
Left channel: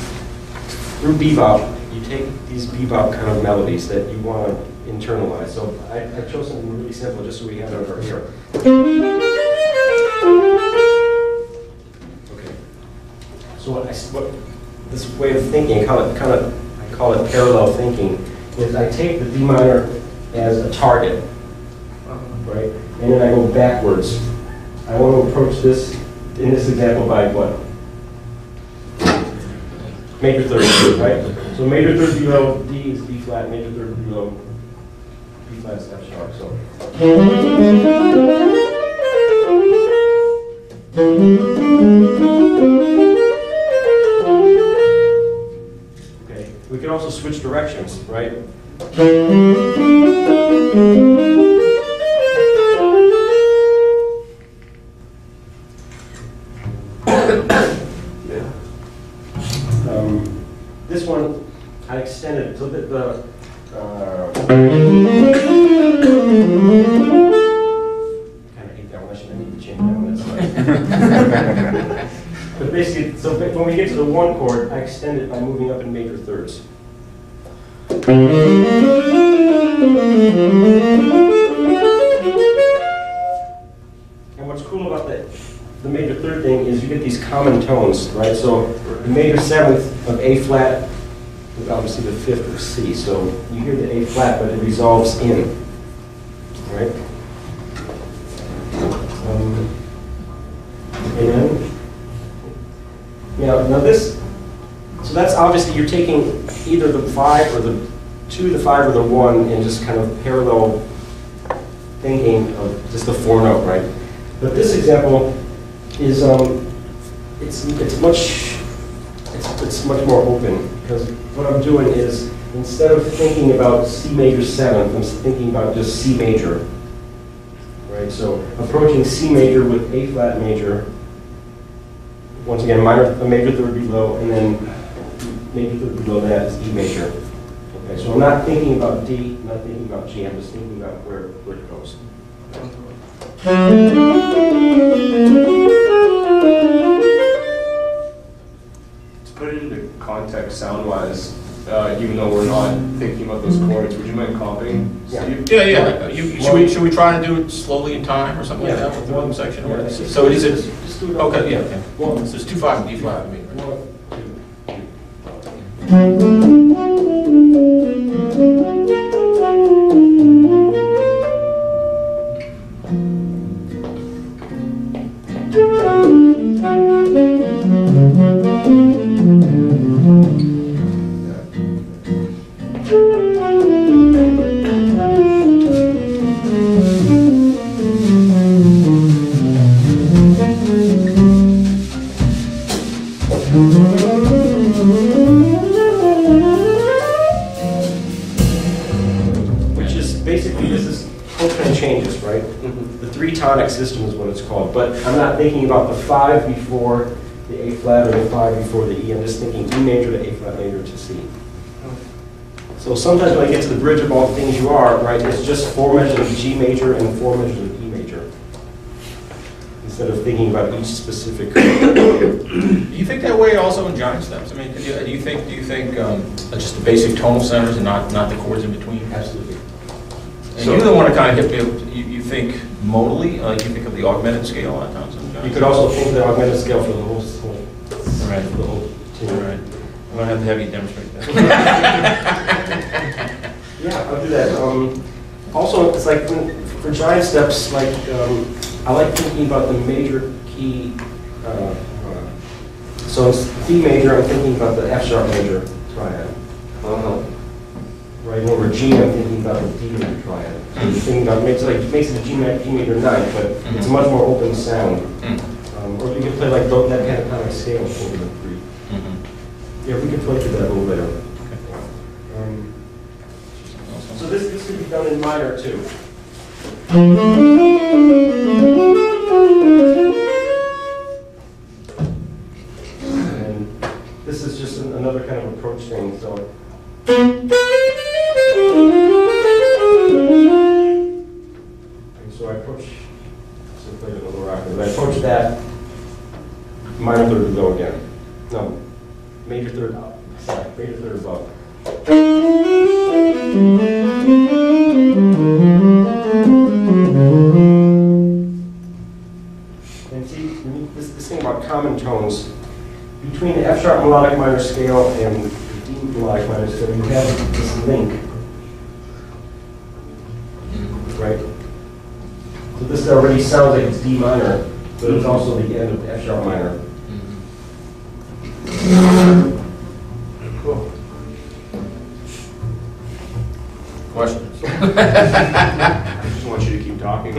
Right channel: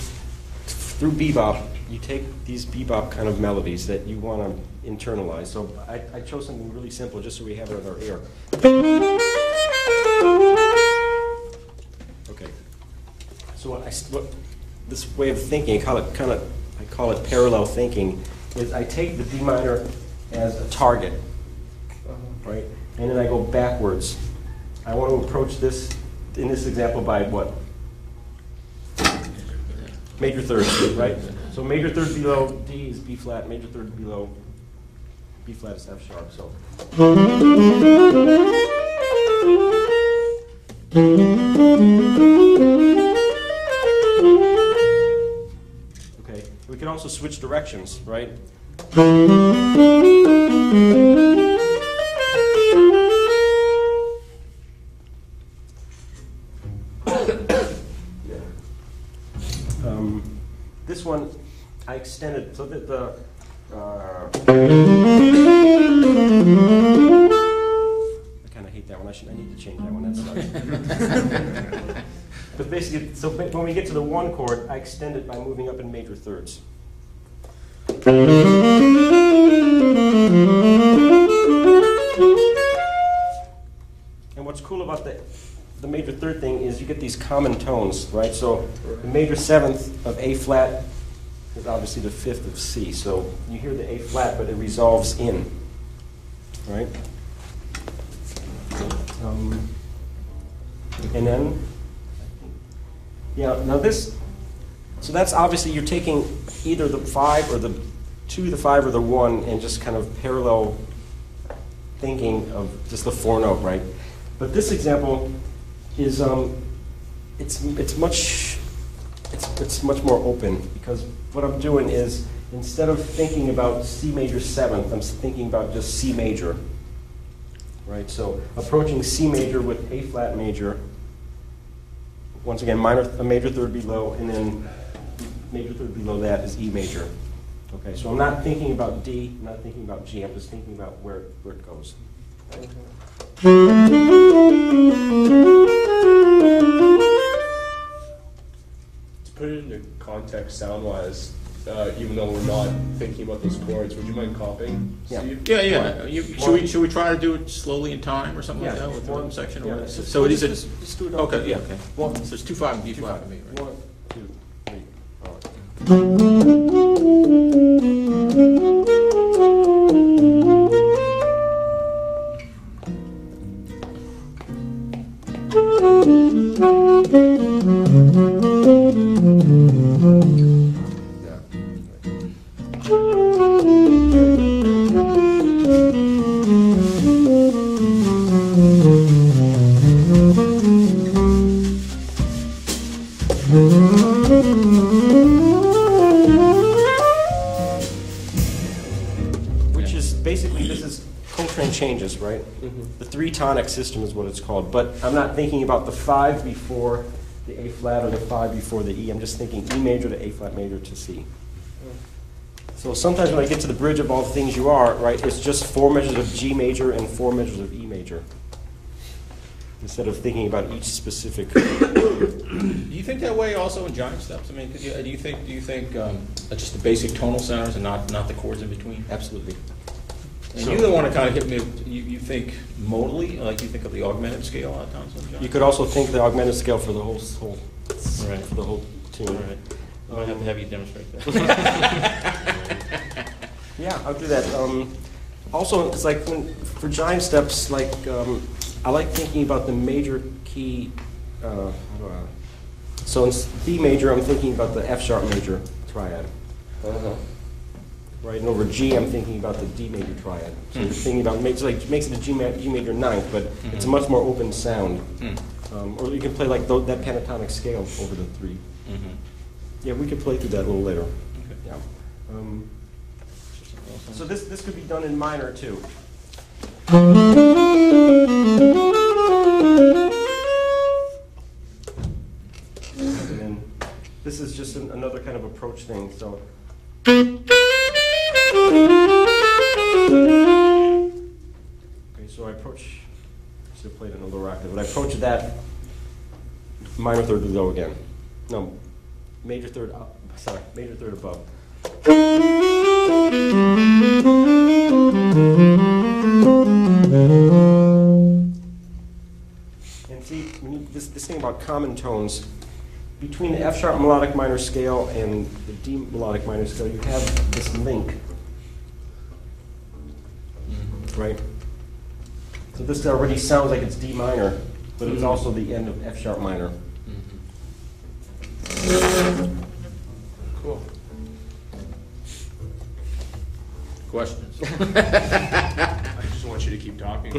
through bebop, you take these bebop kind of melodies that you want to internalize. So I chose something really simple just so we have it over here. Okay. So this way of thinking, I call it parallel thinking, is I take the D minor as a target. Right? And then I go backwards. I want to approach this, in this example, by what? Major third, right? So major third below, D is B flat, major third below, B flat is F sharp. So. Okay. We can also switch directions, right? This one, I extended, so the kind of hate that one, I need to change that one, that's fine. But basically, so when we get to the 1 chord, I extend it by moving up in major thirds. And what's cool about the major third thing is you get these common tones, right? So the major 7th of A flat is obviously the 5th of C. So you hear the A flat, but it resolves in, right? And then, now this, so that's obviously you're taking either the 5 or the 2, the 5 or the 1 and just kind of parallel thinking of just the 4 note, right? But this example is it's much more open, because what I'm doing is instead of thinking about C major 7th, I'm thinking about just C major, right? So approaching C major with A flat major. Once again, a major third below, and then major third below that is E major. Okay, so I'm not thinking about D, not thinking about G, I'm just thinking about where it goes. To put it into context sound-wise, even though we're not thinking about those chords, would you mind comping? Yeah. Steve? Yeah. Should we try to do it slowly in time or something like that with one section? Or- So is it, Just do it all. okay, yeah. One, So it's 2/5 and D5 to me. right? 1, which is basically, this is Coltrane changes, right? The 3 tonic system is what it's called, but I'm not thinking about the 5 before the A flat or the 5 before the E, I'm just thinking E major to A flat major to C. So sometimes when I get to the bridge of all the things you are, right, it's just 4 measures of G major and 4 measures of E major, instead of thinking about each specific. Do you think that way also in giant steps? I mean, do you think just the basic tonal centers and not the chords in between? Absolutely. And you're the one that kind of hit me. You think modally? You think of the augmented scale a lot of times. You could also think the augmented scale for the whole Right. for the whole tune. Right. I'm gonna have to have you demonstrate that. Yeah, I'll do that. Also, it's like for giant steps, like I like thinking about the major key. So it's D major, I'm thinking about the F sharp major triad. Right, and over G, I'm thinking about the D major triad. So you're thinking about, it makes the G major 9th, but it's a much more open sound. Or you can play like that pentatonic scale over the 3. Yeah, we can play through that a little later. So this could be done in minor too. And this is just another kind of approach thing. So. So I approach. So I played it a little rapid, but I approach that minor third below again. No, major third up. Sorry, major third above. And see, this thing about common tones, between the F sharp melodic minor scale and the D melodic minor scale, you have this link. Right? So this already sounds like it's D minor, but it's also the end of F sharp minor. Cool. Questions? I just want you to keep talking.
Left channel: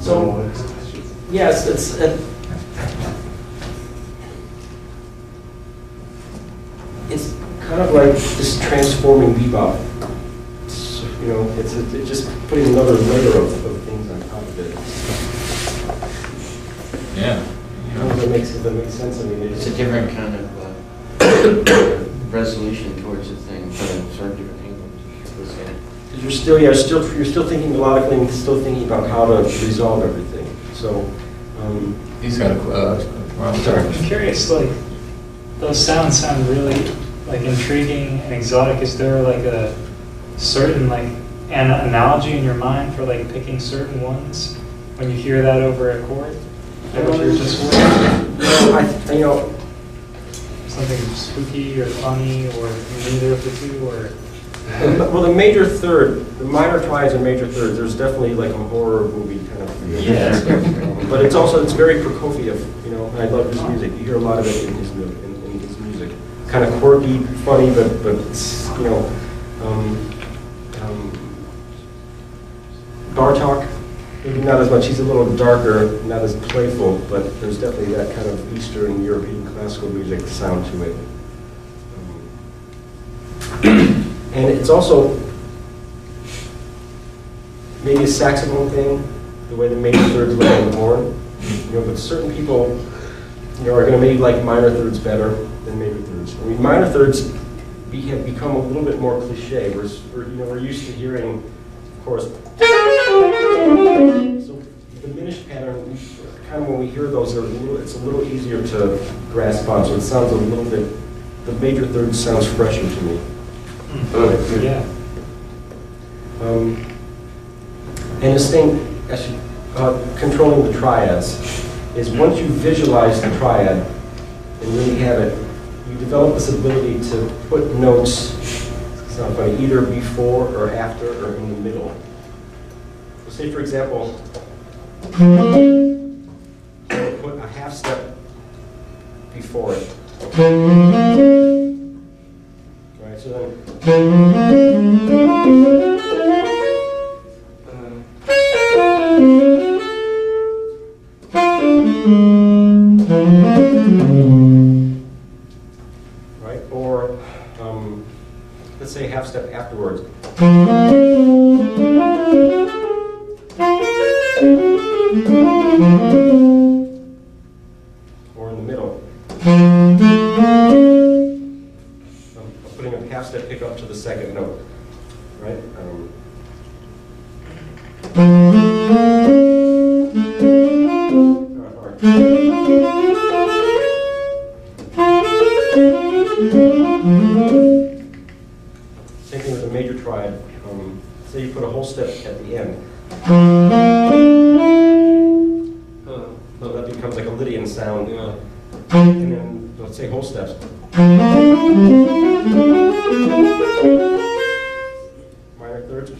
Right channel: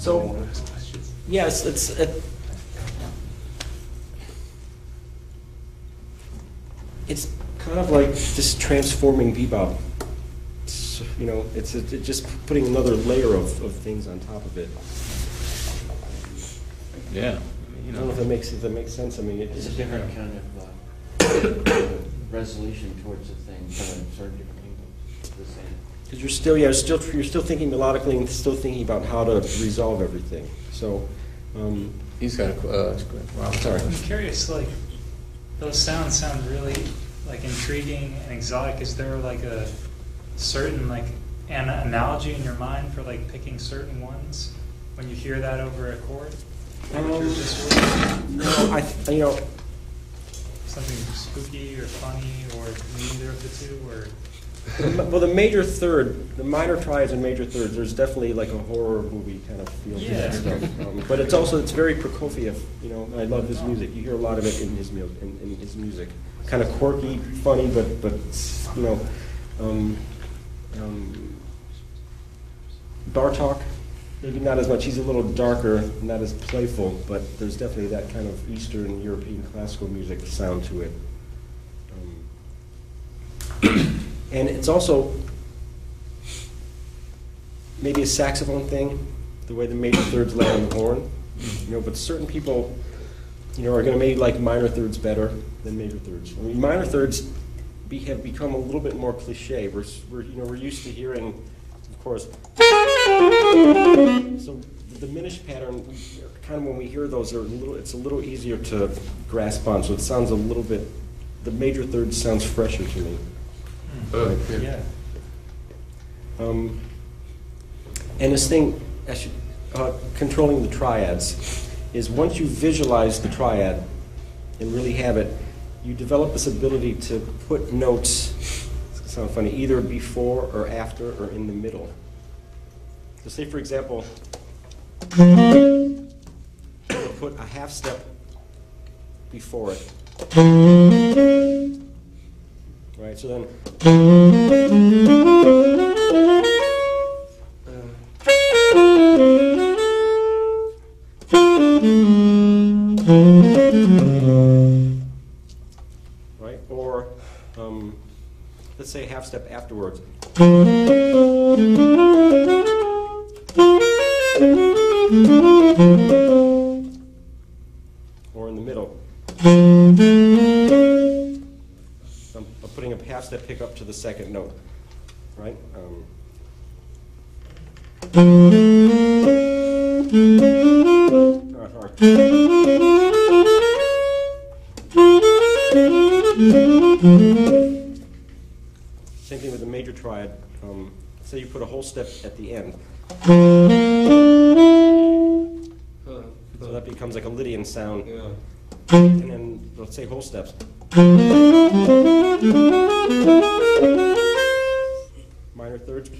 So, yes, it's kind of like this transforming bebop. You know, it's just putting another layer of things on top of it. Yeah. I don't know if that makes sense. I mean, It's a different kind of resolution towards the thing, from certain different angles. What's that? You're still thinking melodically and still thinking about how to resolve everything. So, He's got a, I'm sorry. I'm curious, like, those sounds sound really, like, intriguing and exotic. Is there, like, a certain, like, an analogy in your mind for, like, picking certain ones when you hear that over a chord? Like what you're just hearing? Something spooky or funny, or neither of the two, or... Well, the major third, the minor triads and major third, there's definitely like a horror movie kind of feel. Yeah. But it's very Prokofiev, you know, I love his music. You hear a lot of it in his music. Kind of quirky, funny, but you know, Bartok, maybe not as much. He's a little darker, not as playful, but there's definitely that kind of Eastern European classical music sound to it. And it's also maybe a saxophone thing, the way the major thirds lay on the horn. You know, but certain people, you know, are going to maybe like minor thirds better than major thirds. I mean, minor thirds have become a little bit more cliche. We're used to hearing, of course. So the diminished pattern, kind of when we hear those, it's a little easier to grasp on. So it sounds a little bit. The major third sounds fresher to me. Yeah. And this thing, actually, controlling the triads, is once you visualize the triad and really have it, you develop this ability to put notes, it's not funny, either before or after or in the middle. So say, for example, put a half step before it. Right, so then. Right, or let's say half step afterwards. Or in the middle. I'm putting a half step pick up to the second note, right? Same thing with the major triad. Say you put a whole step at the end. So that becomes like a Lydian sound. Yeah. And then, let's say whole steps. Minor thirds.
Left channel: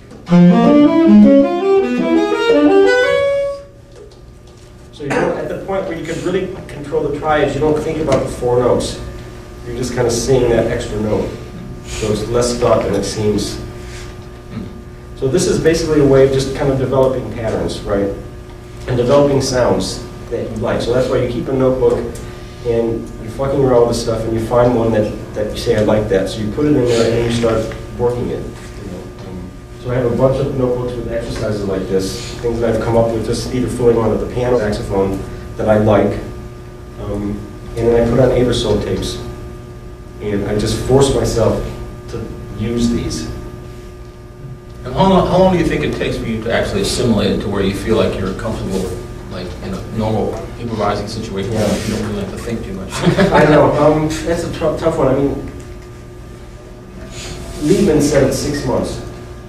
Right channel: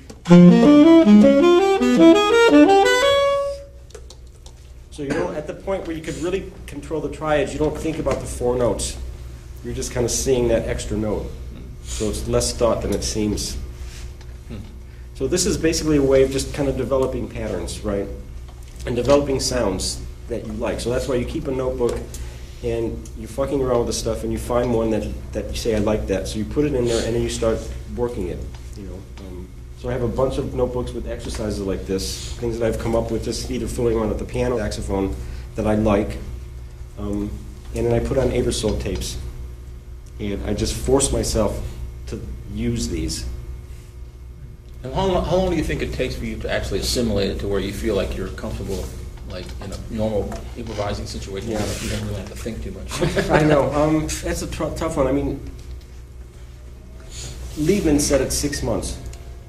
So you know, at the point where you can really control the triads, you don't think about the four notes. You're just kind of seeing that extra note. So it's less thought than it seems. So this is basically a way of just kind of developing patterns, right? And developing sounds that you like. So that's why you keep a notebook and you're fucking around with this stuff and you find one that you say, I like that. So you put it in there and then you start working it. You know? So I have a bunch of notebooks with exercises like this, things that I've come up with just either filling one at the piano saxophone that I like. And then I put on Aerosolve tapes. And I just force myself to use these. And how long do you think it takes for you to actually assimilate it to where you feel like you're comfortable, like in a normal improvising situation, Yeah. like you don't really have to think too much? I know. That's a tough one. I mean, Liebman said it's 6 months.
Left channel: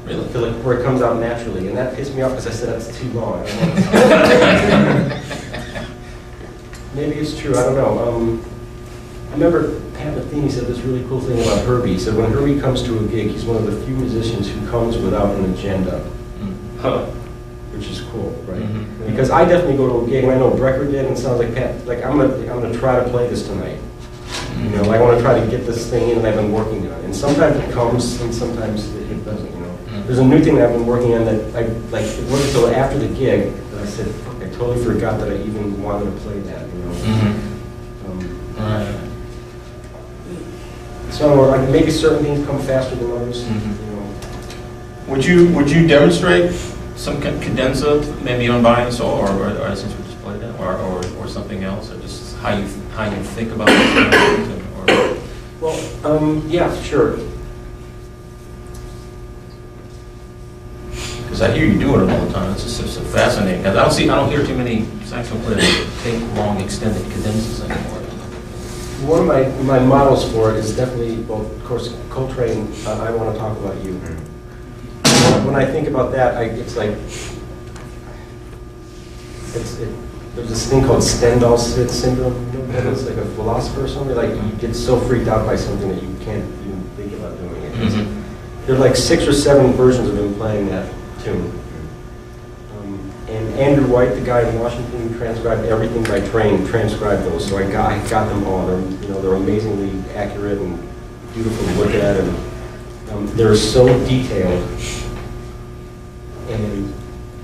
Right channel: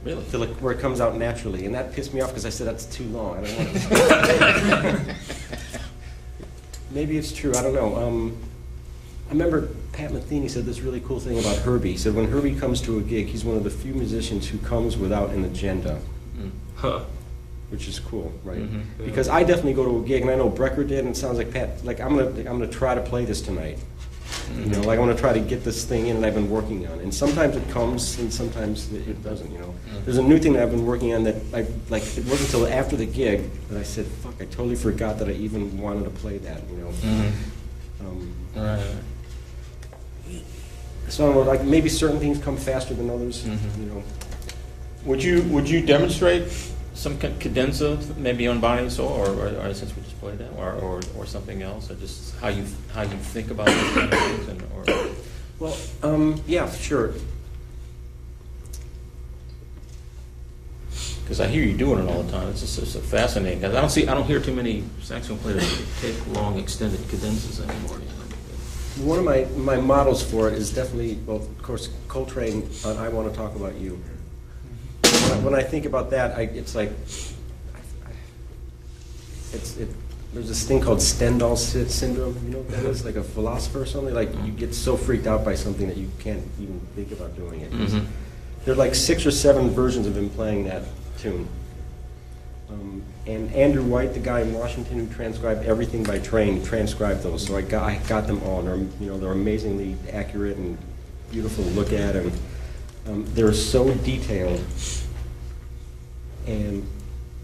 Really? To like where it comes out naturally, and that pissed me off because I said that's too long. Maybe it's true. I don't know. I remember Pat Metheny said this really cool thing about Herbie. He said when Herbie comes to a gig, he's one of the few musicians who comes without an agenda. Huh. Which is cool, right? Mhm. Because I definitely go to a gig, and I know Brecker did, and it sounds like Pat. Like I'm gonna try to play this tonight. You know, like I want to try to get this thing in that I've been working on. And sometimes it comes, and sometimes it doesn't. You know, there's a new thing that I've been working on that I like. It wasn't until after the gig that I said, "Fuck, I totally forgot that I even wanted to play that." You know. Right. So like maybe certain things come faster than others. You know. Would you demonstrate some cadenza, maybe on Buying Soul, or since we just played that, or something else, or just how you think about those kind of things, or Well, yeah, sure. Because I hear you doing it all the time. It's just fascinating. I don't hear too many saxophone players that take long extended cadences anymore. One of my models for it is definitely, well, of course, Coltrane, I Want to Talk About You. When I think about that, it's like, there's this thing called Stendhal syndrome, you know what that is? Like a philosopher or something, like you get so freaked out by something that you can't even think about doing it. Mm-hmm. There are like 6 or 7 versions of him playing that tune. And Andrew White, the guy in Washington who transcribed everything by train, transcribed those. So I got them all. They're amazingly accurate and beautiful to look at, and they're so detailed, and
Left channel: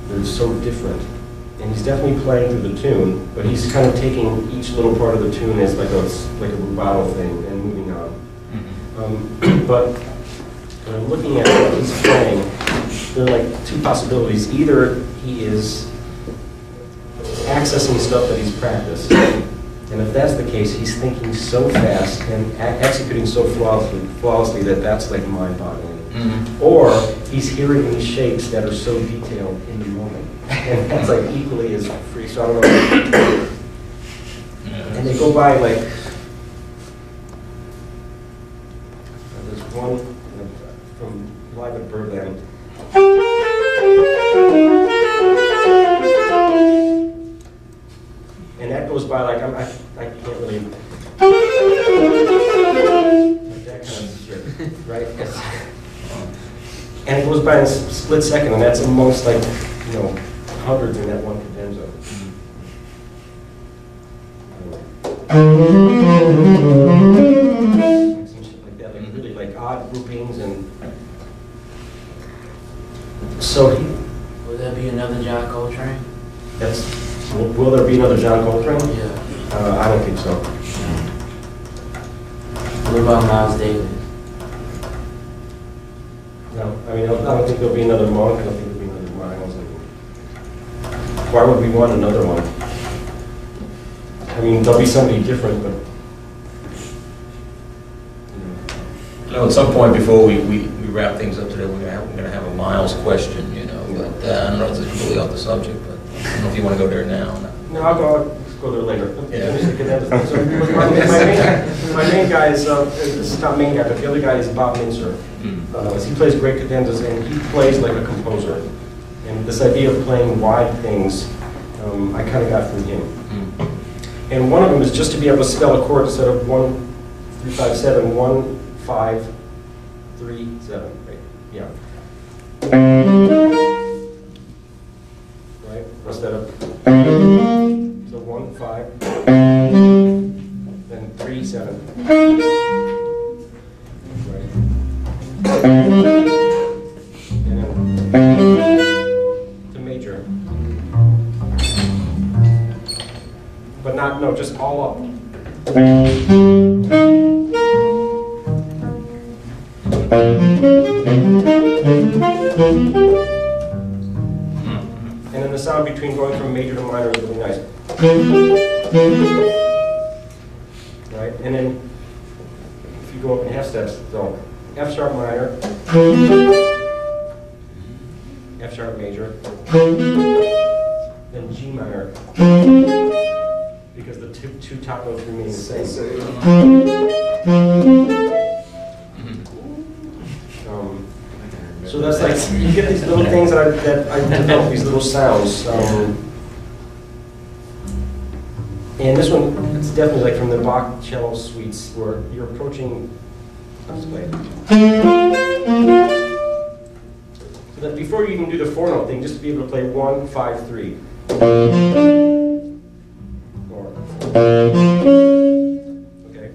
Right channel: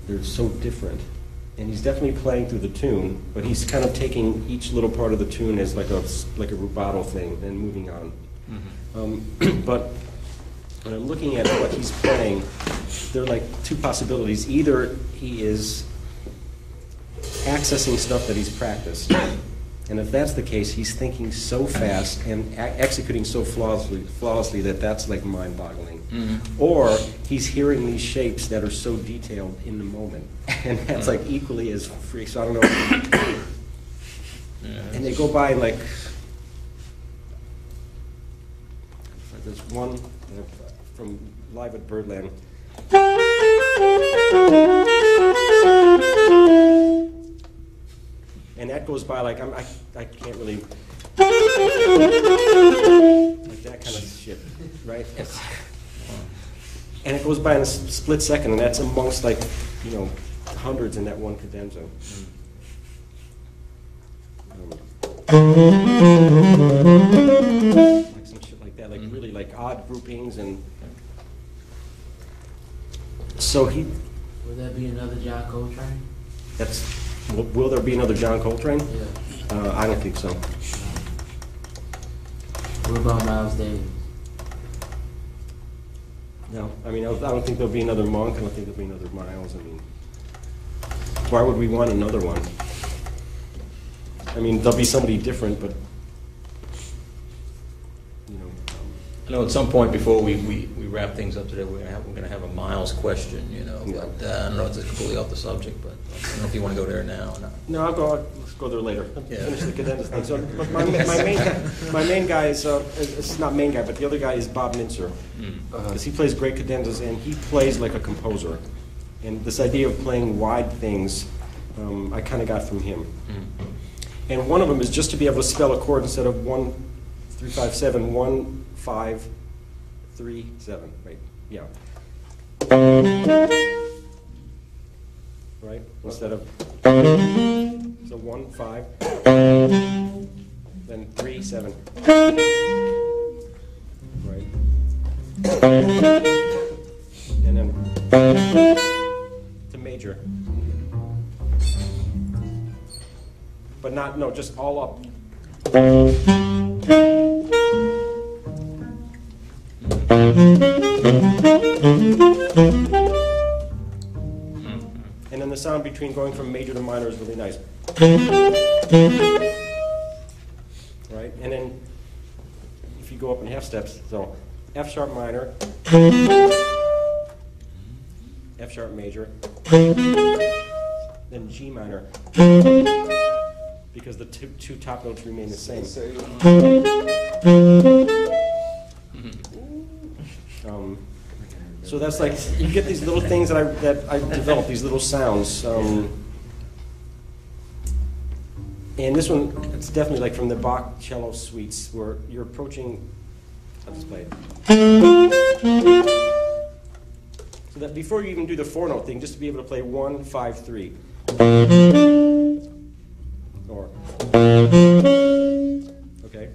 they're so different. And he's definitely playing through the tune, but he's kind of taking each little part of the tune as like a rubato thing and moving on. Mm-hmm. But when I'm looking at what he's playing, there are like 2 possibilities. Either he is accessing stuff that he's practiced, and if that's the case, he's thinking so fast and executing so flawlessly that that's like mind-boggling. Mm-hmm. Or he's hearing these shapes that are so detailed in the moment, and that's like equally as free. So I don't know. And they go by like, there's one from Live at Birdland. And that goes by like, I can't really, like that kind of shit, right? And it goes by in a split second, and that's amongst like, hundreds in that one cadenza. Some shit like that, like really like odd groupings, and so Would that be another John Coltrane? will there be another John Coltrane? Yeah. I don't think so. What about Miles Davis? No, I don't think there'll be another Monk. I don't think there'll be another Miles. Why would we want another one? I mean, there'll be somebody different, but At some point before we wrap things up today, we're going to have a Miles question, but I don't know if it's completely off the subject, but I don't know if you want to go there now. no, I'll go there later. Yeah. So my main guy is this is not main guy, but the other guy is Bob Mintzer. He plays great cadenzas, and he plays like a composer. And this idea of playing wide things, I kind of got from him. And one of them is just to be able to spell a chord instead of 1, 3, 5, 7, 1, 5, 3, 7. Right? Yeah. Right? Instead of so 1, 5, then 3, 7. Right. And then to major. But no, just all up. And then the sound between going from major to minor is really nice. Right? And then if you go up in half steps, so F sharp minor, F sharp major, then G minor, because the two top notes remain the same. So that's like, you get these little things that I develop, these little sounds. And this one, it's definitely like from the Bach cello suites where you're approaching, let's play it. So that before you even do the 4-note thing, just to be able to play 1, 5, 3. Or, okay.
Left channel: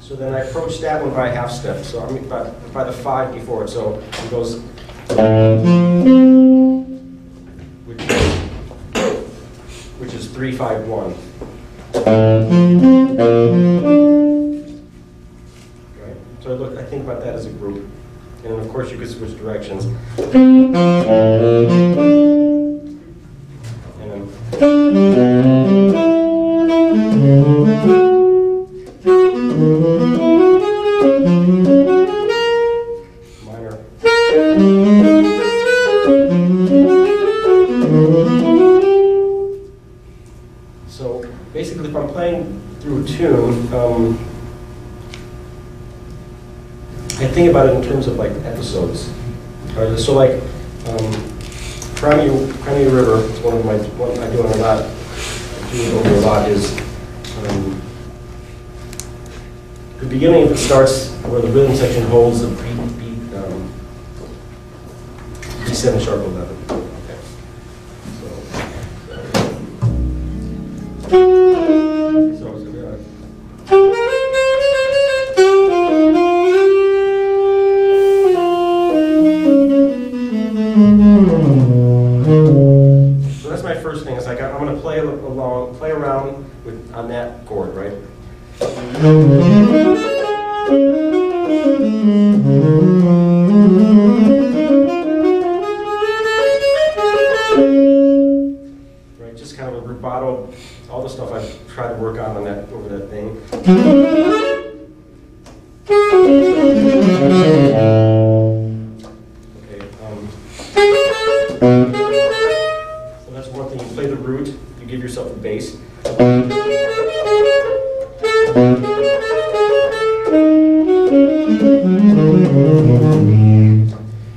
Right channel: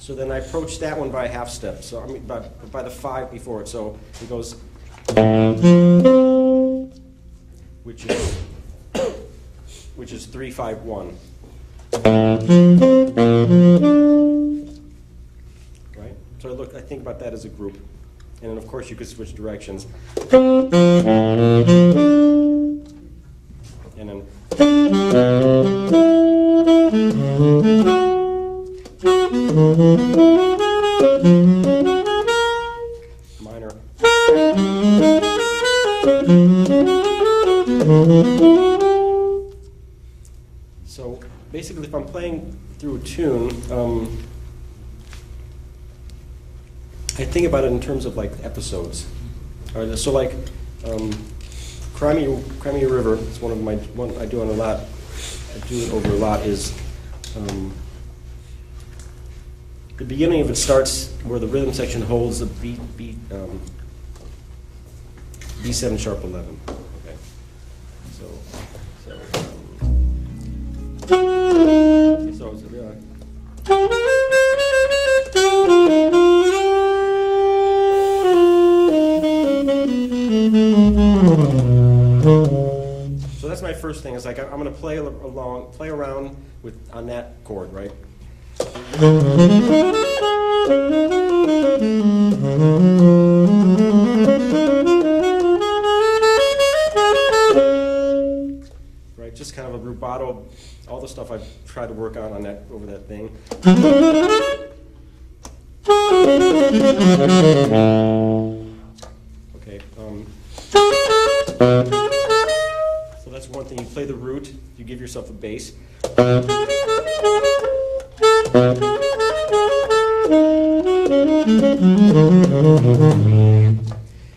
So then I approach that one by half step. So I mean by the 5 before it. So it goes, which is 3, 5, 1. Okay. So I think about that as a group. And then of course you could switch directions. And then So basically, if I'm playing through a tune, I think about it in terms of like episodes. Right? So like, Crimea River is one I do on a lot. I do over a lot is the beginning of it starts where the rhythm section holds the B7 sharp 11. Okay. So that's my first thing. It's like I'm going to play around on that chord, right? Right, just kind of a rubato, all the stuff I've tried to work on that over that thing. Okay. So that's one thing. You play the root. You give yourself a bass.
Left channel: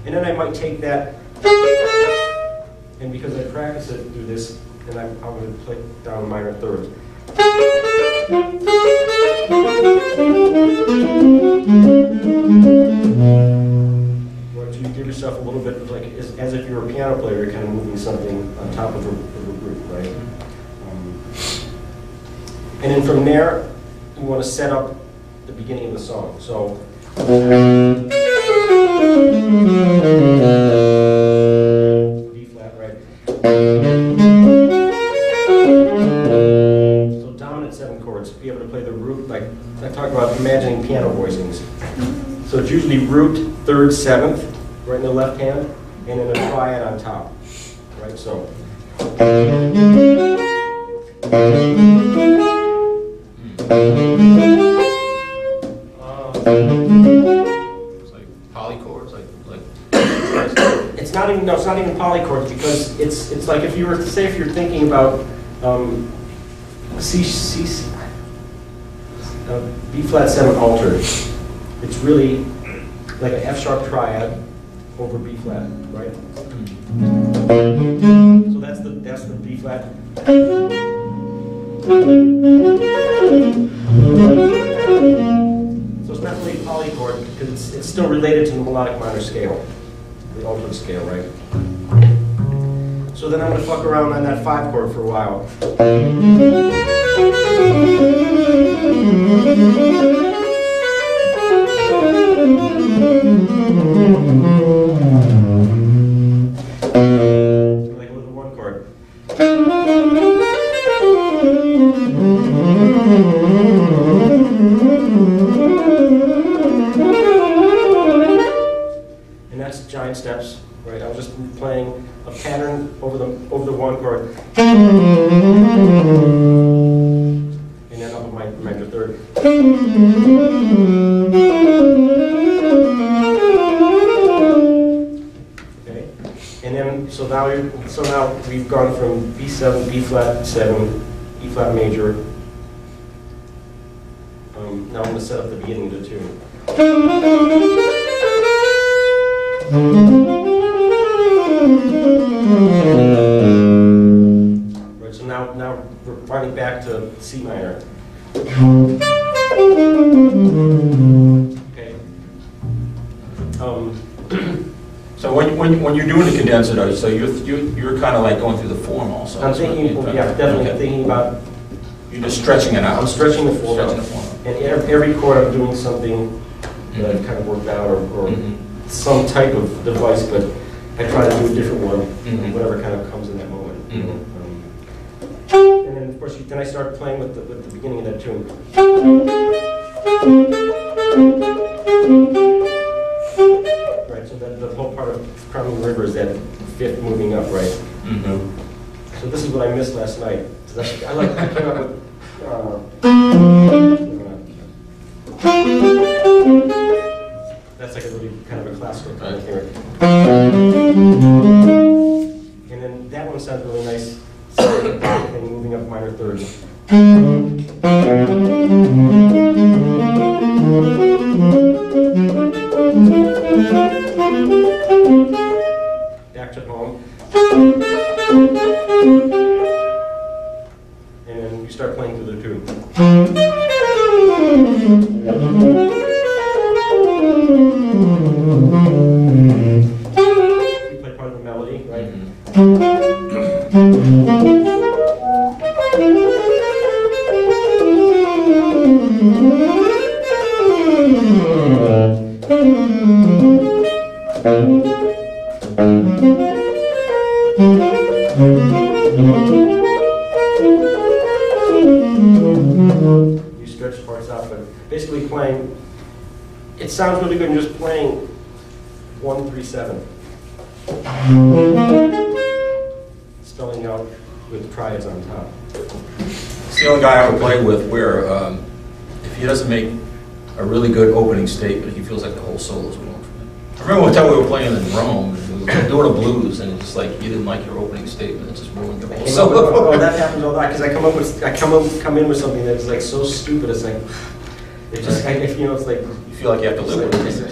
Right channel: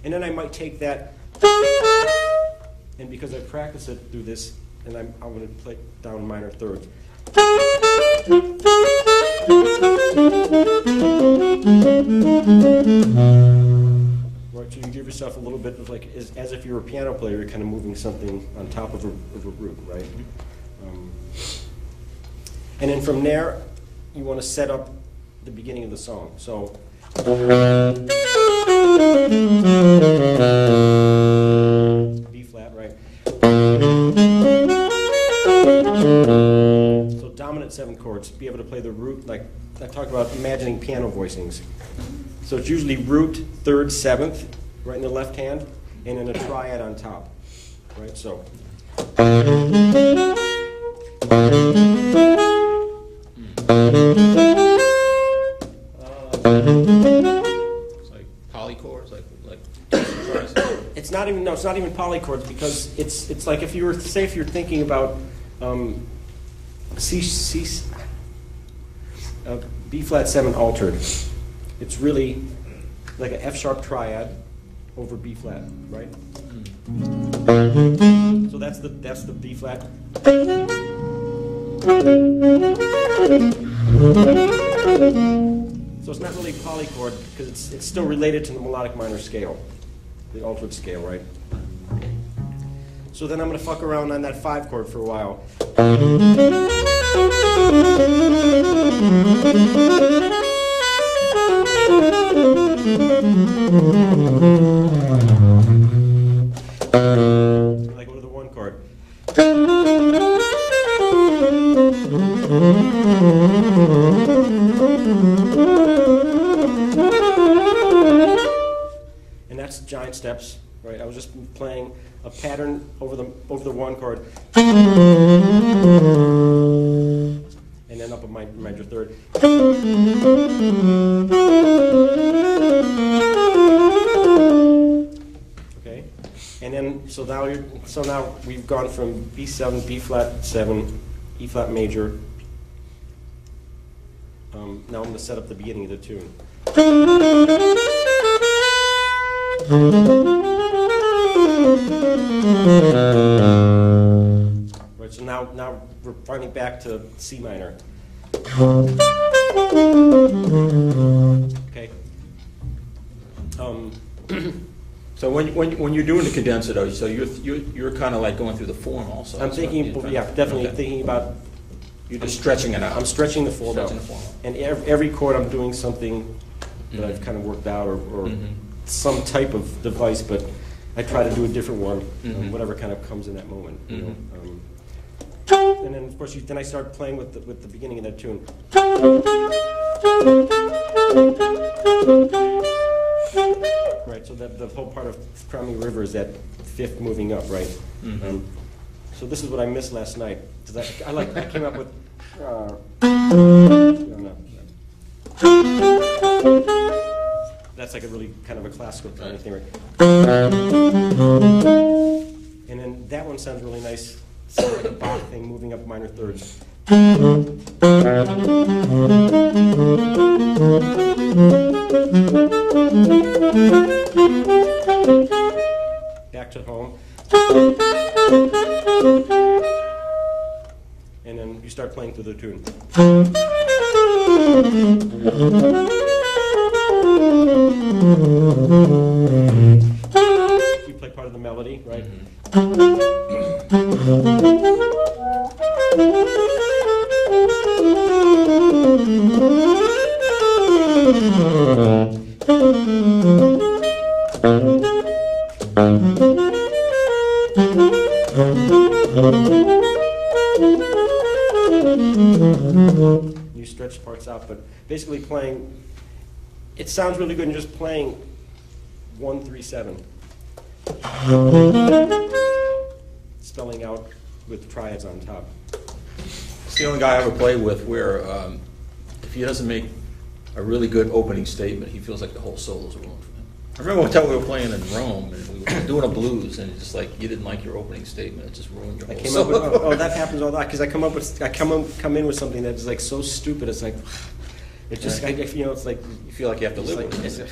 And then I might take that, and because I practice it, do this, and I'm going to play down minor thirds. Or so you give yourself a little bit of like, as if you were a piano player, you're kind of moving something on top of a root, right? And then from there, you want to set up the beginning of the song. So. B flat, right? So dominant 7 chords. Be able to play the root, like I talk about imagining piano voicings. So it's usually root, 3rd, 7th, right in the left hand, and then a triad on top, right? So. It's like polychords, like. It's not even polychords because it's like if you were if you're thinking about B flat 7 altered, it's really like an F sharp triad over B flat, right? So that's the B flat. So it's not really polychord because it's still related to the melodic minor scale, the altered scale, right? So then I'm going to fuck around on that 5 chord for a while. So I go to the 1 chord. And that's giant steps, right? I was just playing a pattern over the 1 chord, and then up my major 3rd. Okay, and then so now we've gone from B7, B flat 7, E flat major. Now I'm going to set up the beginning of the tune. Right, so now we're running back to C minor. Okay. So when you're doing the condenser, though, so you're kind of like going through the form also. I'm thinking, yeah, definitely thinking about. You're just stretching it out. I'm stretching the form out. And every chord I'm doing something that I've kind of worked out or some type of device, but I try to do a different one, whatever kind of comes in that moment. And then, of course, then I start playing with the beginning of that tune. Right, so the whole part of Crimea River is that 5th moving up, right? So this is what I missed last night. I came up with. That's that's like a really kind of a classical kind of thing. And then that one sounds really nice, and moving up minor thirds. Back to home. And then you start playing through the tune. You play part of the melody, right? You stretch parts out, but basically playing, it sounds really good in just playing 1-3-7. Spelling out with triads on top. It's the only guy I would play with where if he doesn't make a really good opening statement, he feels like the whole solo's wrong for him. I remember one time we were playing in Rome, and we were doing a blues, and it's just like, you didn't like your opening statement, it just ruined the whole solo. Oh, that happens a lot, because I come in with something that's like so stupid, it's like, it just, if you know, it's like, You feel like you have to live with it.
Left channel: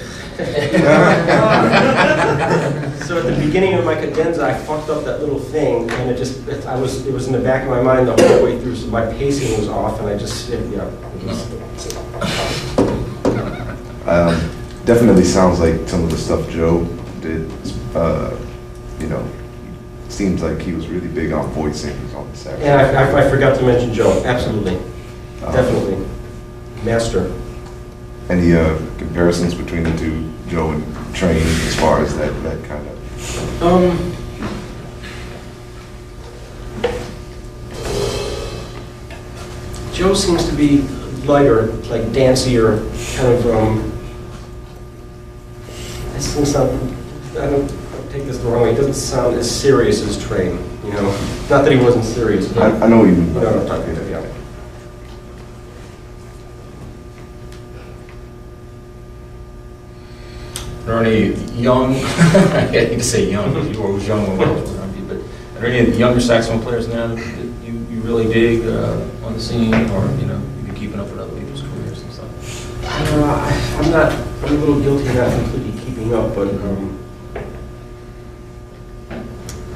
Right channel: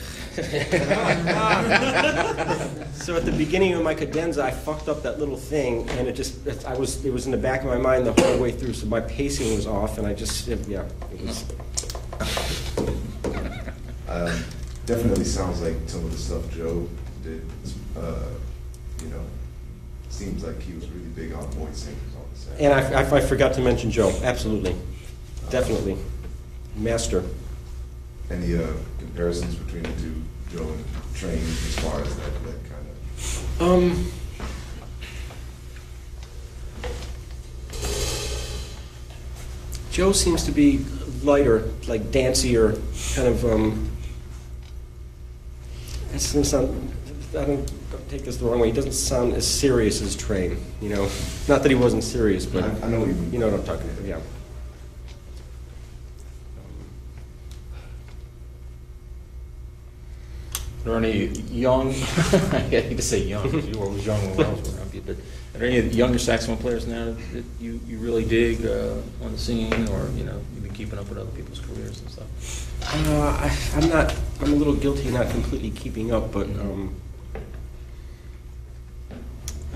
So at the beginning of my cadenza, I fucked up that little thing, and it was in the back of my mind the whole way through, so my pacing was off, and I just, yeah. Definitely sounds like some of the stuff Joe did. You know, seems like he was really big on voicing on the saxophone. And I forgot to mention Joe, absolutely, definitely, master. Any comparisons between the two, Joe and Train, as far as that kind of? Joe seems to be lighter, like dancier, kind of. It doesn't sound. I don't take this the wrong way. It doesn't sound as serious as Train. You know, not that he wasn't serious, but I know you mean. you know what I'm talking about. Yeah. Are there any young, I hate to say young, because you were always young when I was around you, but are there any younger saxophone players now that you really dig on the scene, or, you know, you've been keeping up with other people's careers and stuff? I'm a little guilty of not completely keeping up, but I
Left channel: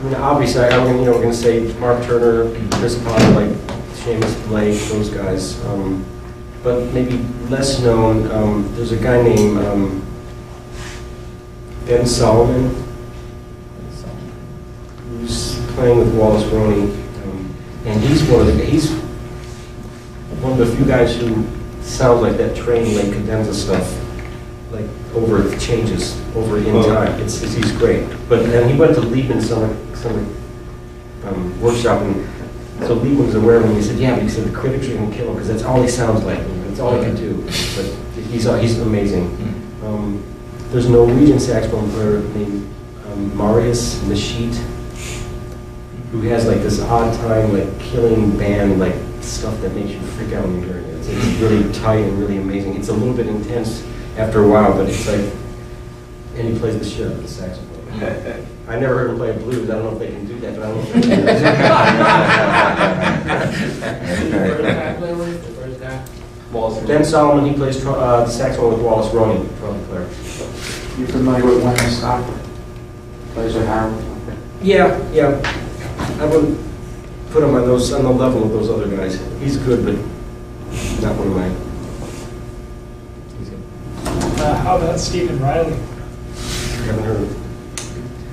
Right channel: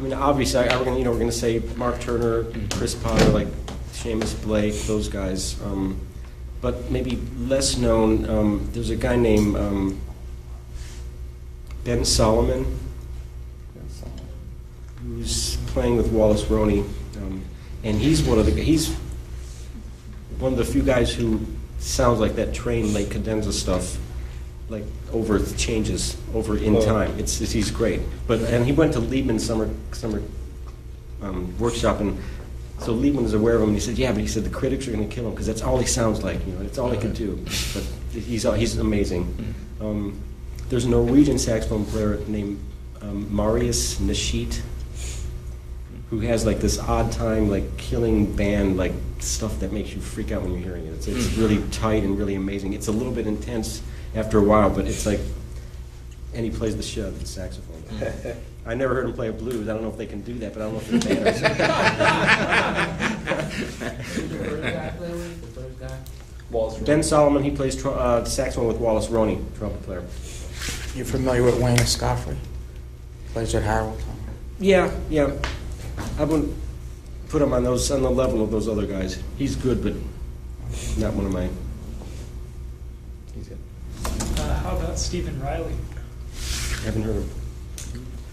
mean, obviously, we're going to say Mark Turner, Chris Potter, like Seamus Blake, those guys. But maybe less known, there's a guy named Ben Solomon, who's playing with Wallace Roney, and he's one of the few guys who sounds like that Train like cadenza stuff, like over changes over in time. He's great. And he went to Liebman summer workshop, and so Liebman was aware when he said, yeah, but he said the critics are going to kill him because that's all he sounds like. That's all he can do. But he's amazing. There's a Norwegian saxophone player named Marius Nashit, who has like this odd time, like killing band, like stuff that makes you freak out when you're hearing it. It's really tight and really amazing. It's a little bit intense after a while, but it's like, and he plays the shit out of the saxophone. I never heard him play blues. I don't know if they can do that, but I don't know if they can do that. Ben Solomon, he plays saxophone with Wallace Roney, trumpet player. You familiar with Wayne Scott? Plays at Harold? Yeah. I wouldn't put him on the level of those other guys. He's good, but not one of mine. He's good. How about Stephen Riley? I haven't heard of him.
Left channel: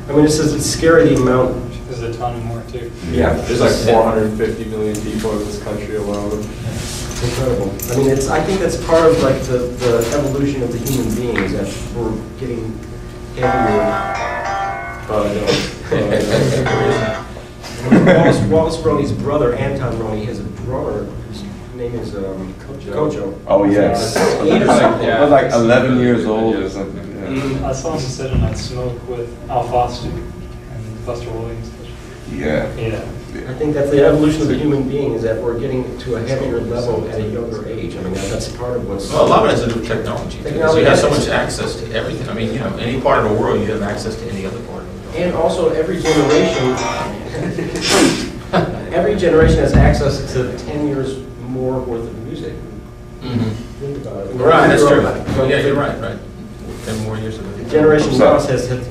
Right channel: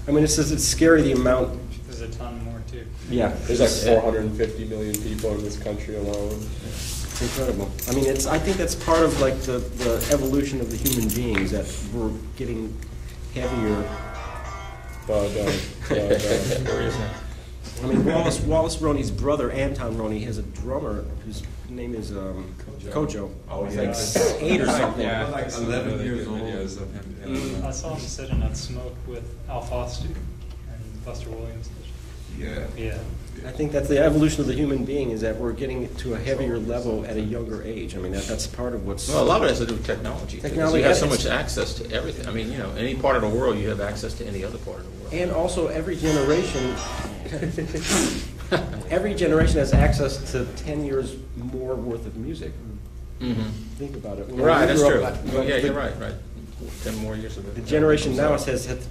I mean, it says it's scary the amount. There's a ton more too. Yeah. There's like 450 million people in this country alone. It's incredible. I mean, I think that's part of like the evolution of the human beings, that we're getting heavier. Wallace Roney's brother, Anton Roney, has a drummer whose name is Kojo. Oh, yes. Eight or something. I was like 11 years old or something. Yeah. I saw him sit in that smoke with Al Foster and Buster Williams. Yeah. Yeah. I think that's the evolution of the human being, is that we're getting to a heavier level at a younger age. I mean, that's part of what's... Well, a lot of it has to do with technology. Because Technology you have so has- much access to everything. I mean, you know, any part of the world, you have access to any other part of the world. And also, every generation, every generation has access to 10 years more worth of music. Think about it. Right, that's true. Well, Yeah, you're right, right. 10 more years of The generation now says that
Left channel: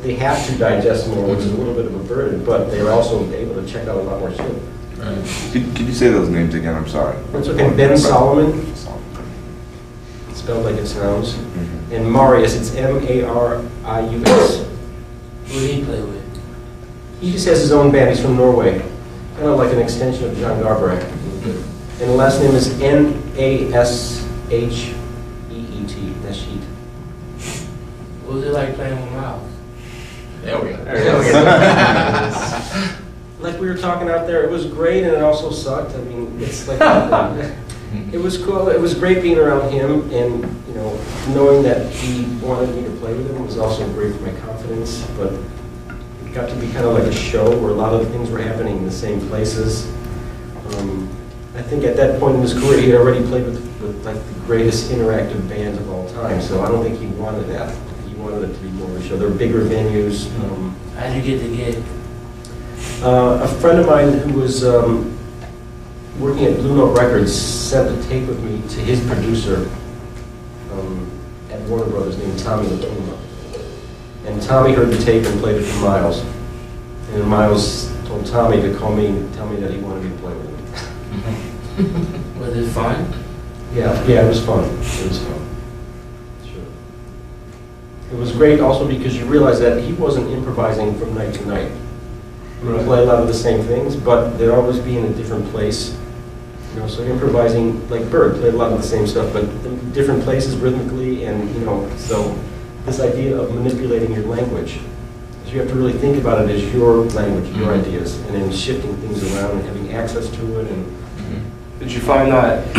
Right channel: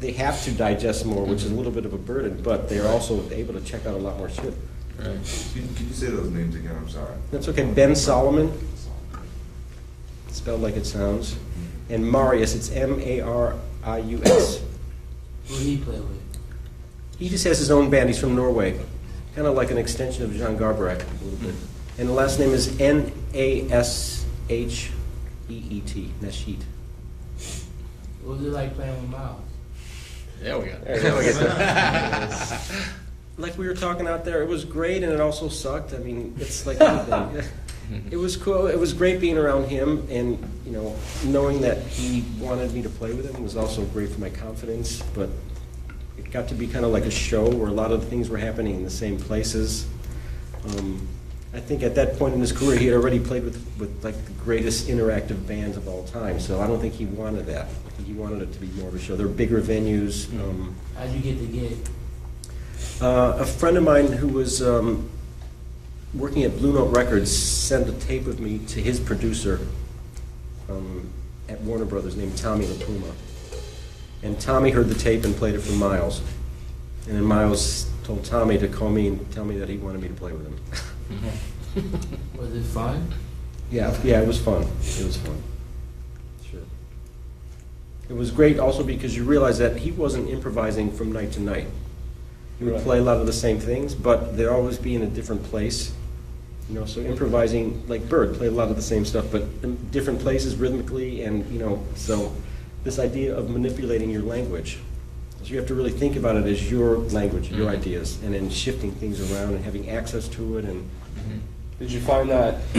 they have to digest more, which is a little bit of a burden, but they're also able to check out a lot more shit. Right. Could you say those names again? I'm sorry. That's okay. Ben Solomon, spelled like it sounds, and Marius, it's Marius. Who did he play with? He just has his own band. He's from Norway, kind of like an extension of John Garbarek. And the last name is Nashheet. Nashheet. What was it like playing with Miles? There we go. Like we were talking out there, it was great and it also sucked. I mean, it's like it was cool. It was great being around him, and you know, knowing that he wanted me to play with him was also great for my confidence. But it got to be kind of like a show where a lot of things were happening in the same places. I think at that point in his career, he had already played with like the greatest interactive bands of all time. So I don't think he wanted that. He wanted it to be more of a show. There were bigger venues. How'd you get the gig? A friend of mine who was working at Blue Note Records sent a tape of me to his producer at Warner Brothers named Tommy Latuma. And Tommy heard the tape and played it for Miles. And Miles told Tommy to call me and tell me that he wanted me to play with him. Was it fun? Yeah, it was fun. It was fun. Sure. It was great also because you realize that he wasn't improvising from night to night. We would play a lot of the same things, but they'd always be in a different place. You know, so improvising, like Bird, played a lot of the same stuff, but in different places rhythmically, and you know, so this idea of manipulating your language. So you have to really think about it as your language, your ideas, and then shifting things around and having access to it. And Did you find that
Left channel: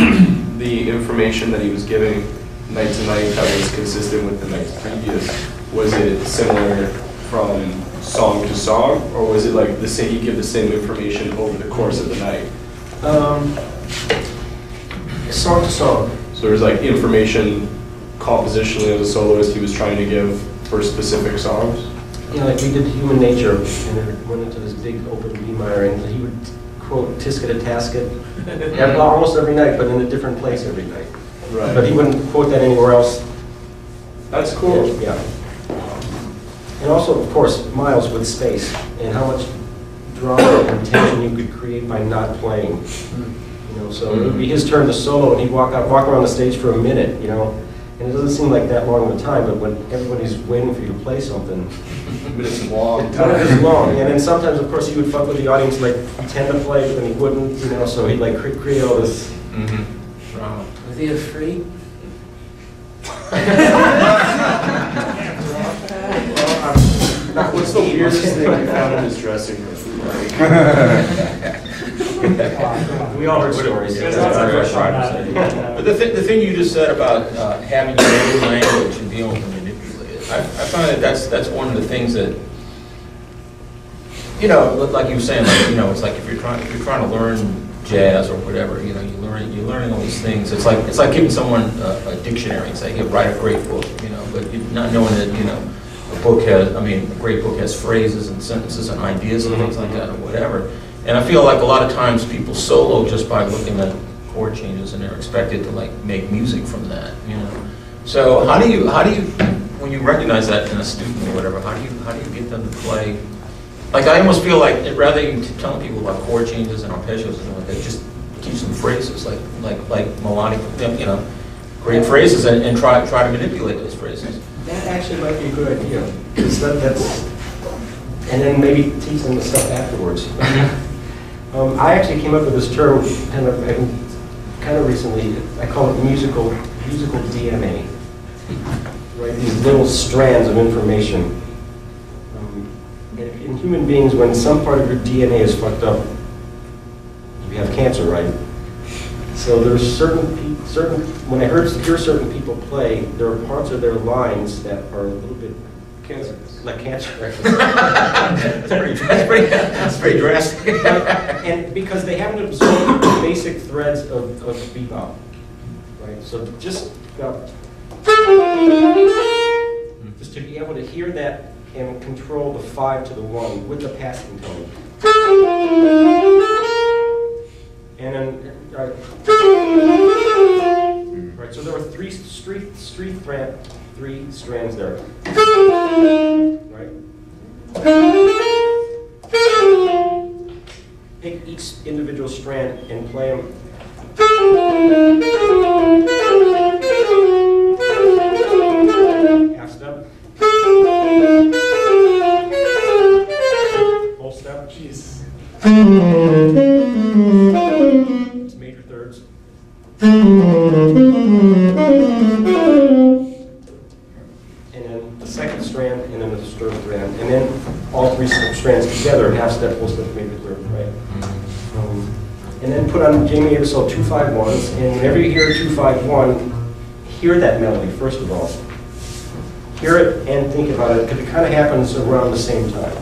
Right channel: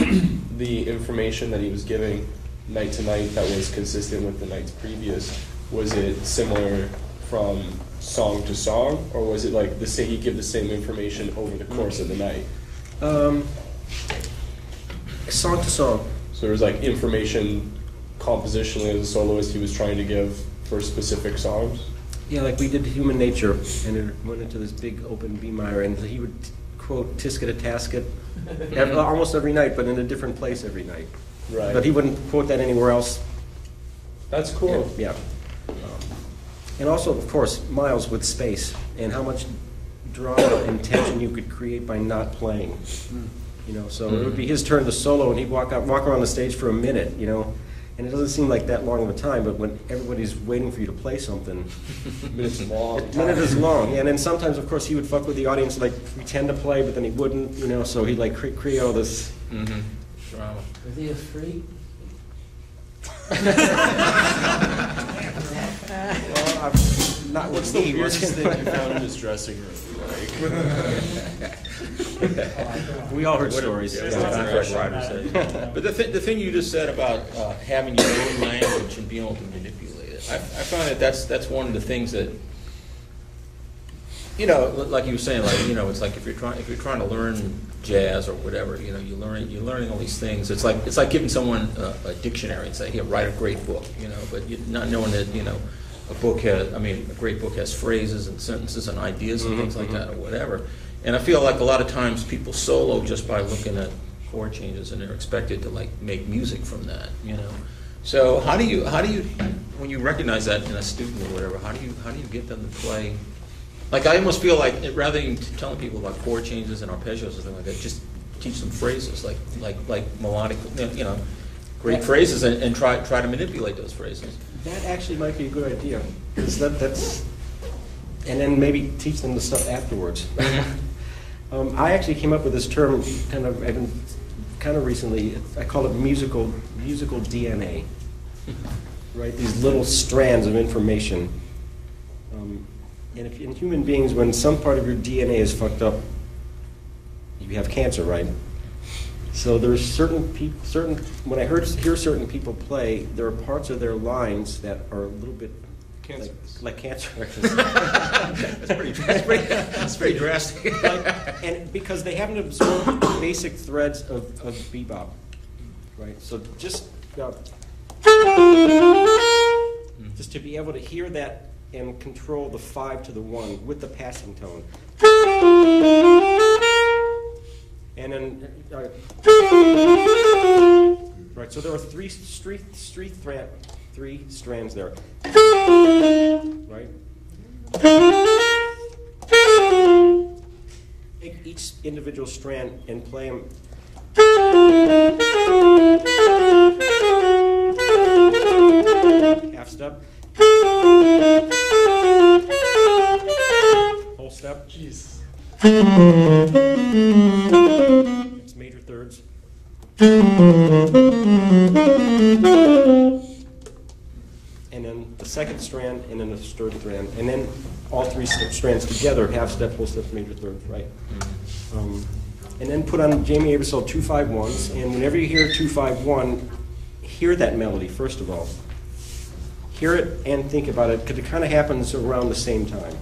the information that he was giving night to night that was consistent with the nights previous, was it similar from song to song, or was it like the same, he'd give the same information over the course of the night? Song to song. So there was like information compositionally as a soloist he was trying to give for specific songs? Yeah, like we did Human Nature, and it went into this big open B minor, and he would quote Tisket a Tasket almost every night, but in a different place every night. Right. But he wouldn't quote that anywhere else. That's cool. Yeah. And also, of course, Miles with space, and how much drama and tension you could create by not playing. You know, so it would be his turn to solo, and he'd walk around the stage for a minute, you know. And it doesn't seem like that long of a time, but when everybody's waiting for you to play something, But it's a long time time. is long. And then sometimes, of course, he would fuck with the audience, like pretend to play, but then he wouldn't, you know. So he'd like create all this. Drama. Was he a freak? Not What's the weirdest thing you found in his dressing room? We all heard stories. There's That's lots of what I pressure tried on to say. that. But the thing you just said about having your own language and being able to manipulate it, I find that that's one of the things that, you know, like you were saying, like, you know, it's like if you're trying to learn jazz or whatever, you know, you're learning all these things. It's like giving someone a dictionary and saying, hey, write a great book, you know, but you not knowing that, you know, a great book has phrases and sentences and ideas and things like that or whatever. And I feel like a lot of times people solo just by looking at chord changes and they're expected to like make music from that, you know. So how do you when you recognize that in a student or whatever, how do you get them to play? Like I almost feel like rather than telling people about chord changes and arpeggios and stuff like that, just keep some phrases like melodic, you know, great phrases and try to manipulate those phrases. That actually might be a good idea, because that's, and then maybe teach them the stuff afterwards. I actually came up with this term kind of recently. I call it musical DNA. Right, these little strands of information. And if in human beings, when some part of your DNA is fucked up, you have cancer, right? So there's certain when I hear certain people play, there are parts of their lines that are a little bit Cancer. Like cancer. That's pretty drastic. And because they haven't absorbed the basic threads of bebop, right? So just to be able to hear that and control the 5 to the 1 with the passing tone. And then, right, so there are three strands there. Right? Take each individual strand and play them. Half step. Full step. Jeez. It's major thirds. And then the second strand, and then the third strand, and then all 3 strands together, half step, full step, major third, right? And then put on Jamie Aebersold 2-5-1s, and whenever you hear a 2-5-1, hear that melody first of all. Hear it and think about it, because it kind of happens around the same time,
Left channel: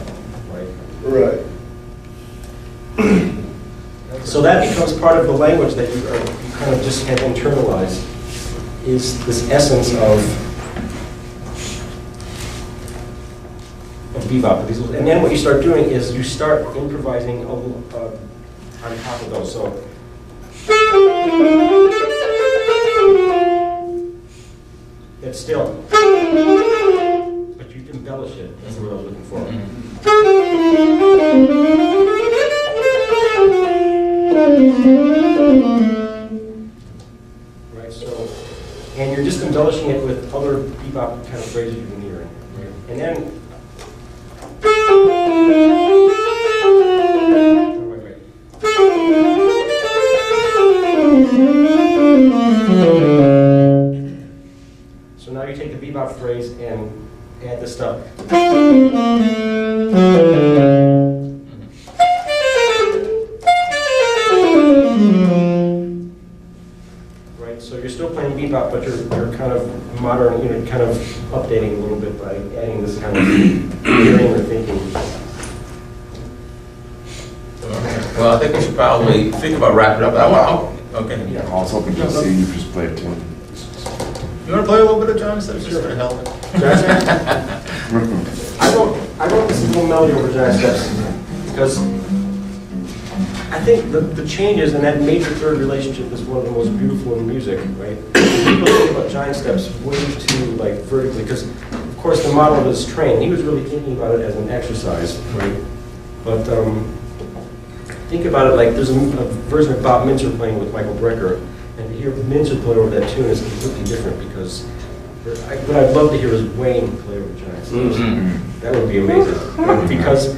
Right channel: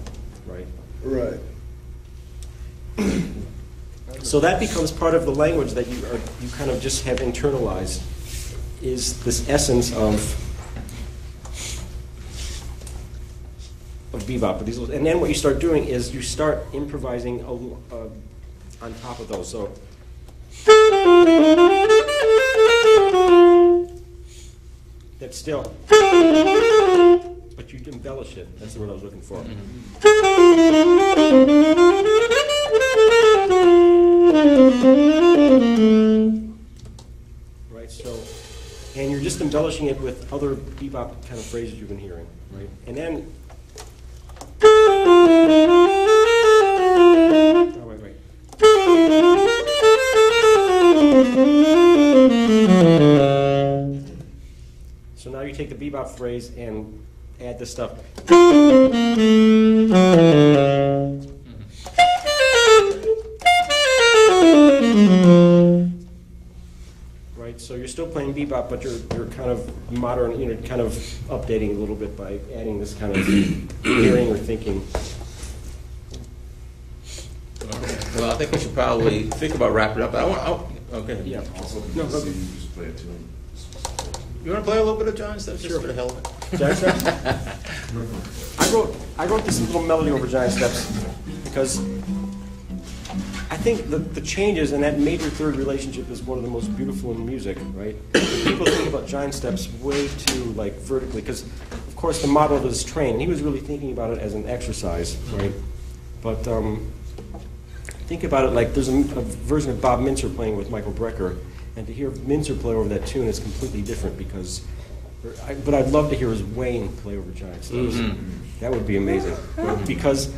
right? Right. So that becomes part of the language that you kind of just have internalized, is this essence of bebop. And then what you start doing is you start improvising a little, on top of those. So it's still, but you embellish it. That's the word I was looking for. Right, so, and you're just embellishing it with other bebop kind of phrases you've been hearing, right? And then, so now you take the bebop phrase and add the stuff. Right, so you're still playing bebop, but you're kind of modern, kind of updating a little bit by adding this kind of hearing or thinking. Well, I think we should probably think about wrapping up. Okay. Yeah. I was hoping to see you just play a tune. You want to play a little bit of John Steps? Just to help. I wrote this little melody over Giant Steps because I think the changes in that major third relationship is one of the most beautiful in music, right? People think about Giant Steps way too vertically, because of course the model was trained. He was really thinking about it as an exercise, right? But think about it like there's a version of Bob Minzer playing with Michael Brecker, and to hear Minzer play over that tune is completely different because. But I'd love to hear his Wayne play over Giant Steps. That would be amazing. Because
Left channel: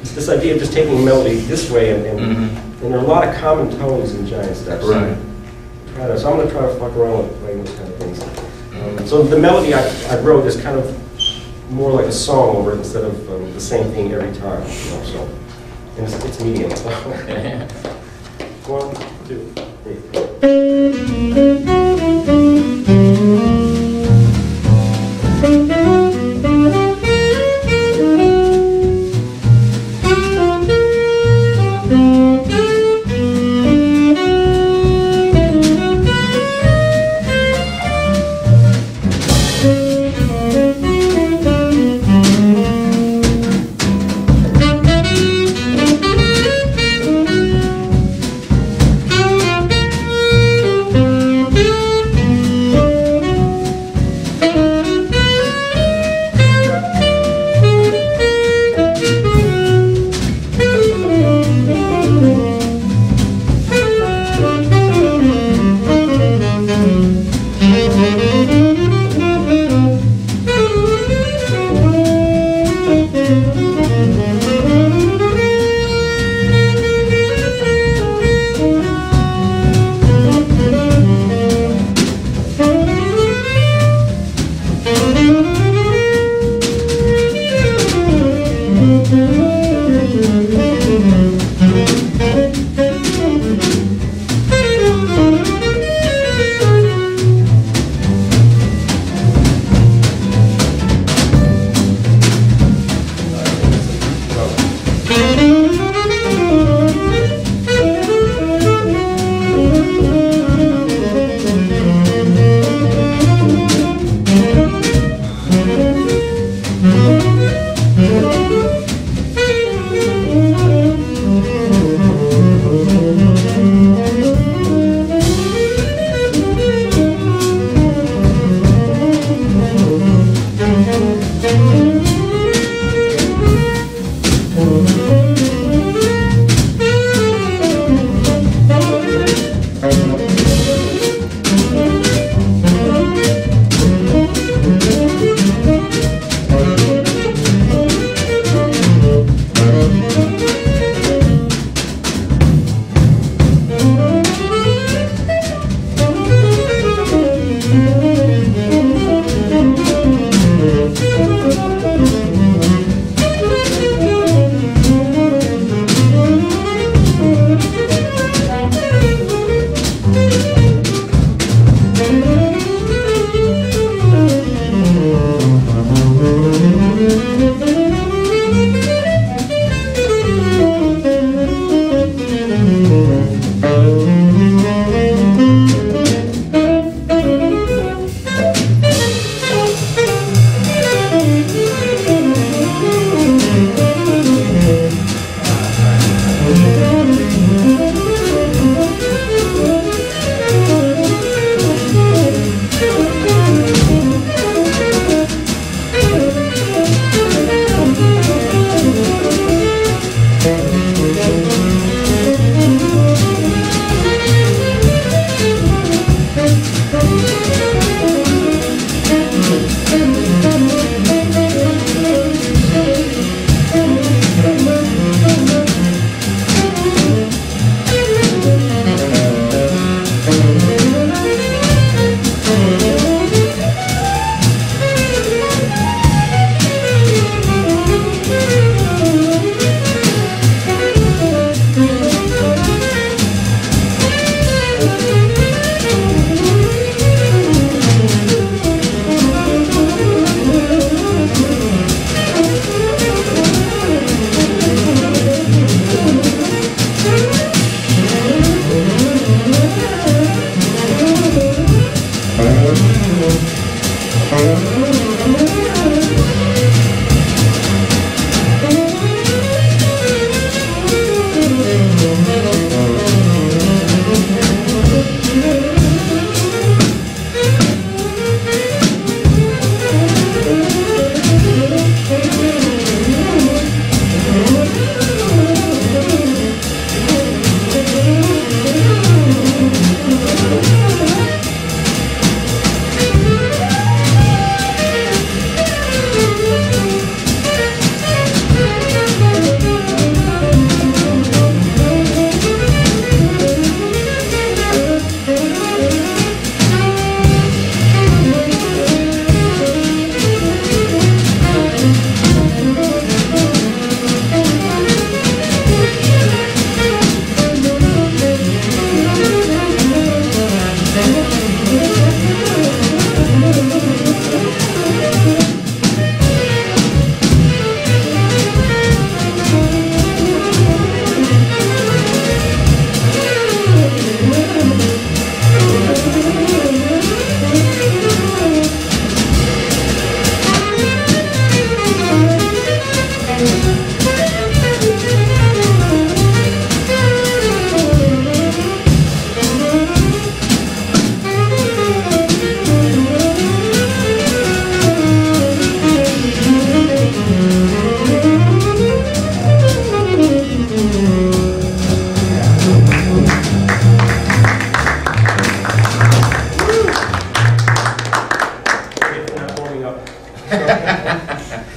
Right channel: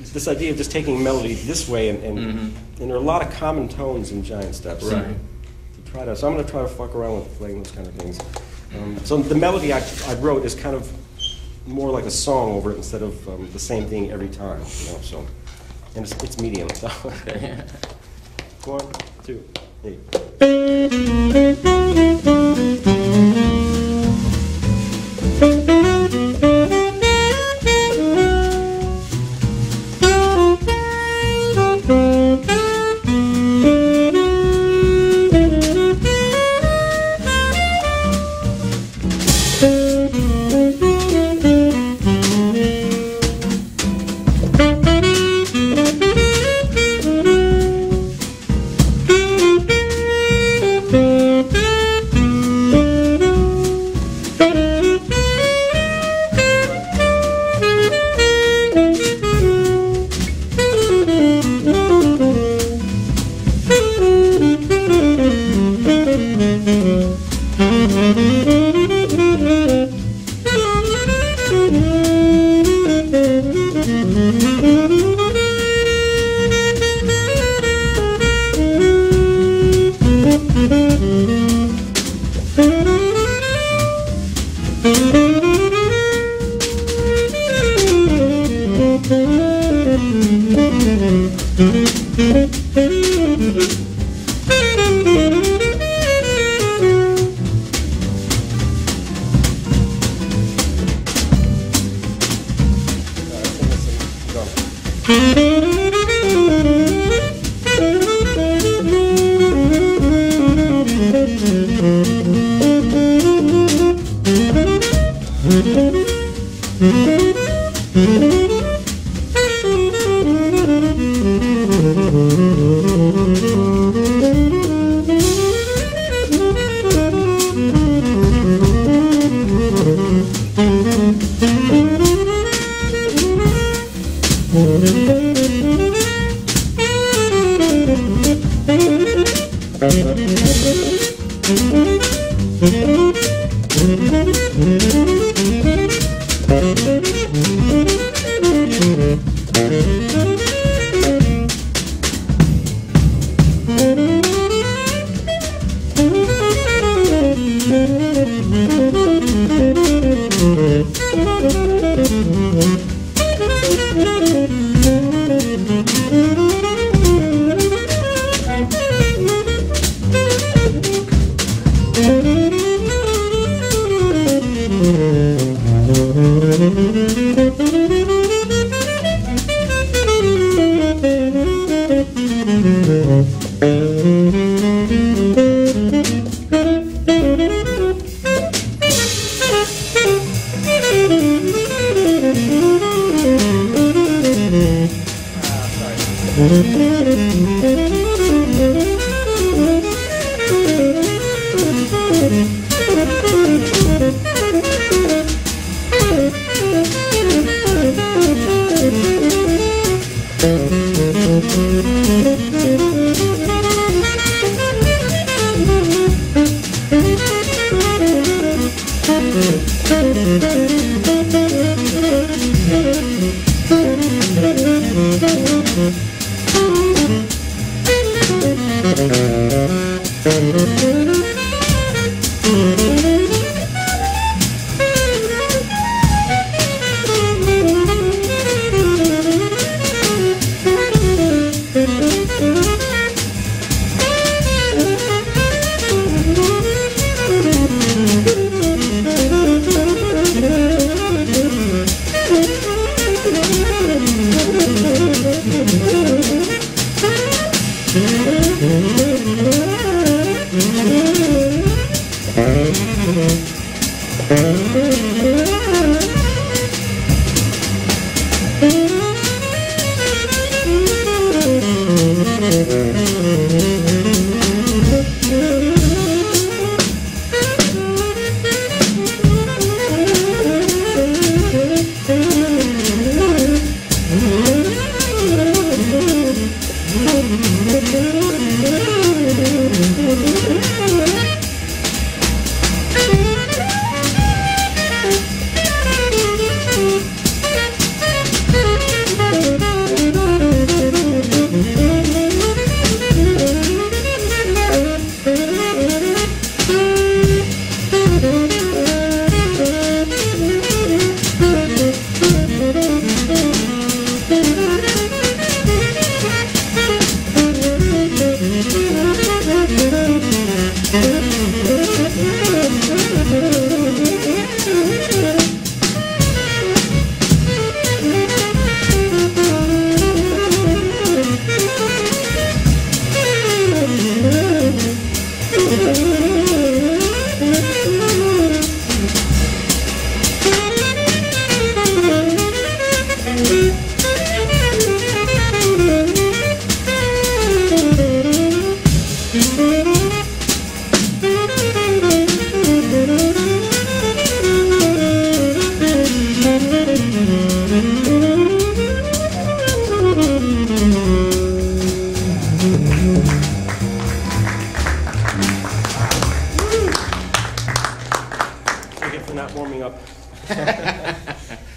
it's this idea of just taking a melody this way, and there are a lot of common tones in Giant Steps. Right. So I'm going to try to fuck around with playing those kind of things. So the melody I wrote is kind of more like a song over it instead of the same thing every time. So, and it's medium. So. 1, 2, 3.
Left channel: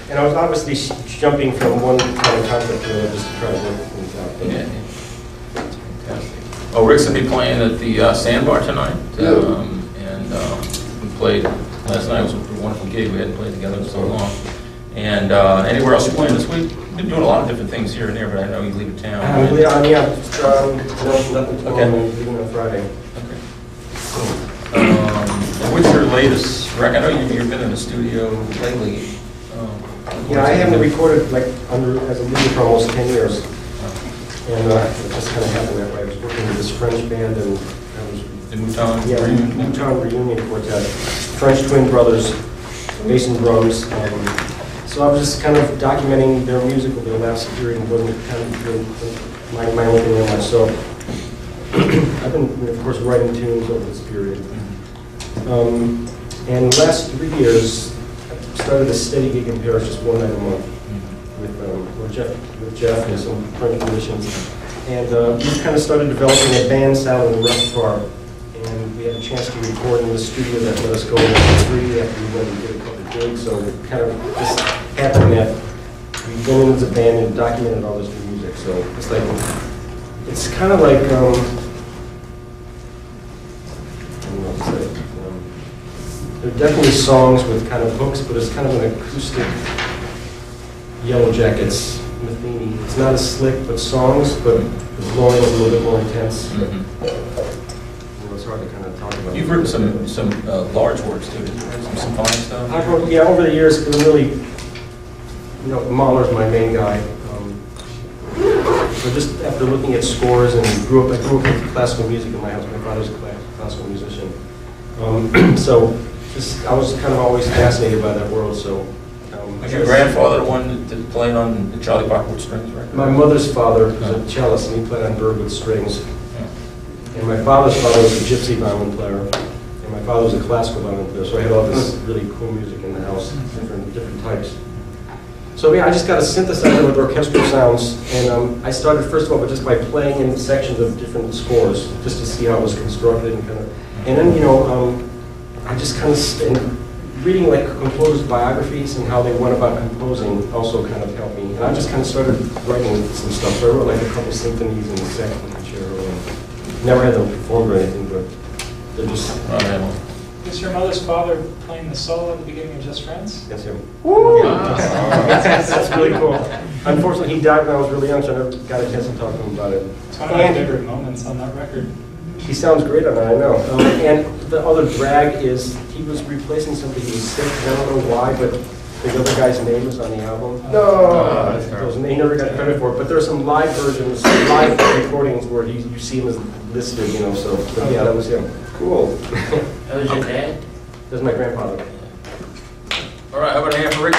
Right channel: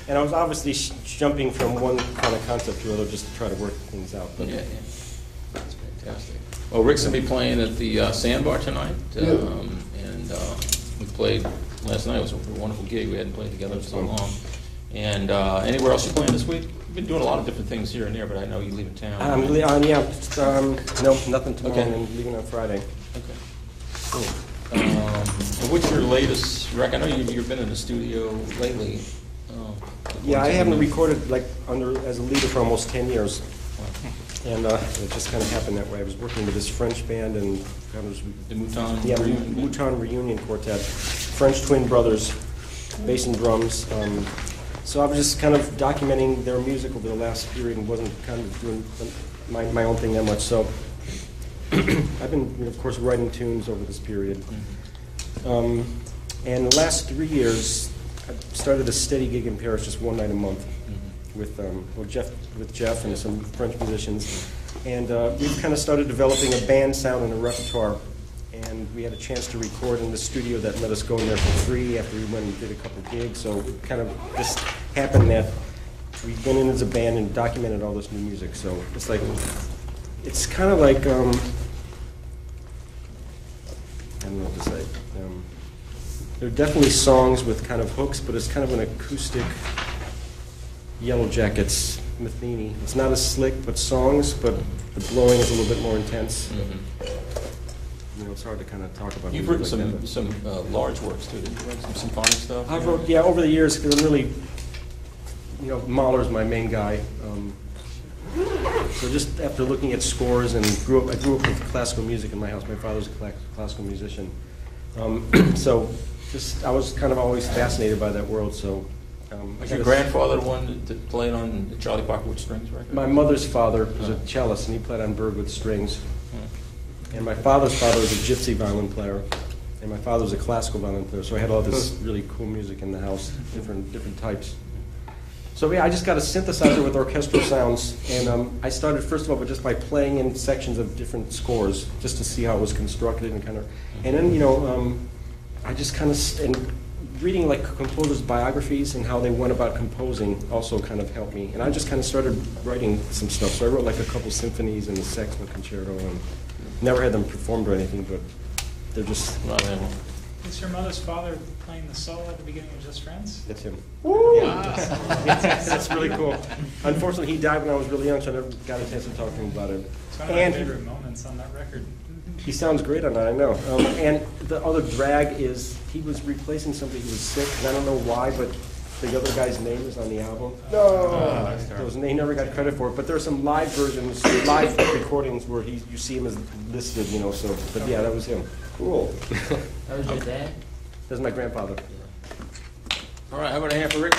And I was obviously jumping from one kind of concept to another just to try to work things out. But Yeah. Fantastic. Well, Rick's gonna be playing at the Sandbar tonight. We played last night. It was a wonderful gig. We hadn't played together in so long. And anywhere else you're playing this week? We've been doing a lot of different things here and there, but I know you leave town. no, nothing tomorrow. Okay. I'm leaving on Friday. Okay. Cool. What's your latest record? I know you've been in the studio lately. Yeah, I haven't recorded like as a leader for almost 10 years. And it just kind of happened that way. I was working with this French band and I was The Newtown? Yeah, Newtown Reunion Quartet, French twin brothers, bass and drums. So I was just kind of documenting their music over the last period and wasn't kind of doing my own thing that much. So I've been, of course, writing tunes over this period. And the last 3 years, I started a steady gig in Paris, just one night a month, with Jeff and some French musicians. And we kind of started developing a band sound and repertoire. And we had a chance to record in the studio that let us go in for free after we went and did a couple of gigs. So it kind of just happened that we went in as a band and documented all this new music. So it's like, it's kind of like, I don't know what to say. There are definitely songs with kind of hooks, but it's kind of an acoustic Yellow Jackets with Amy. It's not as slick, but songs, but the flowing is a little bit more intense. It's hard to kind of talk about. You've written some large works too, some symphonic stuff? I've wrote, yeah, over the years, really, Mahler's my main guy. So just after looking at scores and I grew up with classical music in my house. My father's a classical musician. So just, I was kind of always fascinated by that world, so. Was your grandfather the one that played on the Charlie Parker strings, right? My mother's father was a cellist, and he played on Berg with strings. And my father's father was a gypsy violin player, and my father was a classical violin player, so I had all this really cool music in the house, different types. So yeah, I just got a synthesizer with orchestral sounds, and I started first of all just by playing in sections of different scores, just to see how it was constructed and then I just kind of reading like composers' biographies and how they went about composing also kind of helped me. And I just kind of started writing some stuff. So I wrote like a couple symphonies and a saxophone concerto. And never had them performed or anything, but they're just. Was your mother's father playing the solo at the beginning of Just Friends? Yes, him. Yeah. That's really cool. Unfortunately, he died when I was really young, so I never got a chance to talk to him about it. It's one of my favorite moments on that record. He sounds great on that, I know. And the other drag is he was replacing somebody who was sick. I don't know why, but the other guy's name was on the album. He never got credit for it. But there's some live versions, live recordings where you see him as listed, so yeah, that was him. Cool. That was your dad? That was my grandfather. All right, how about a hand for Rick?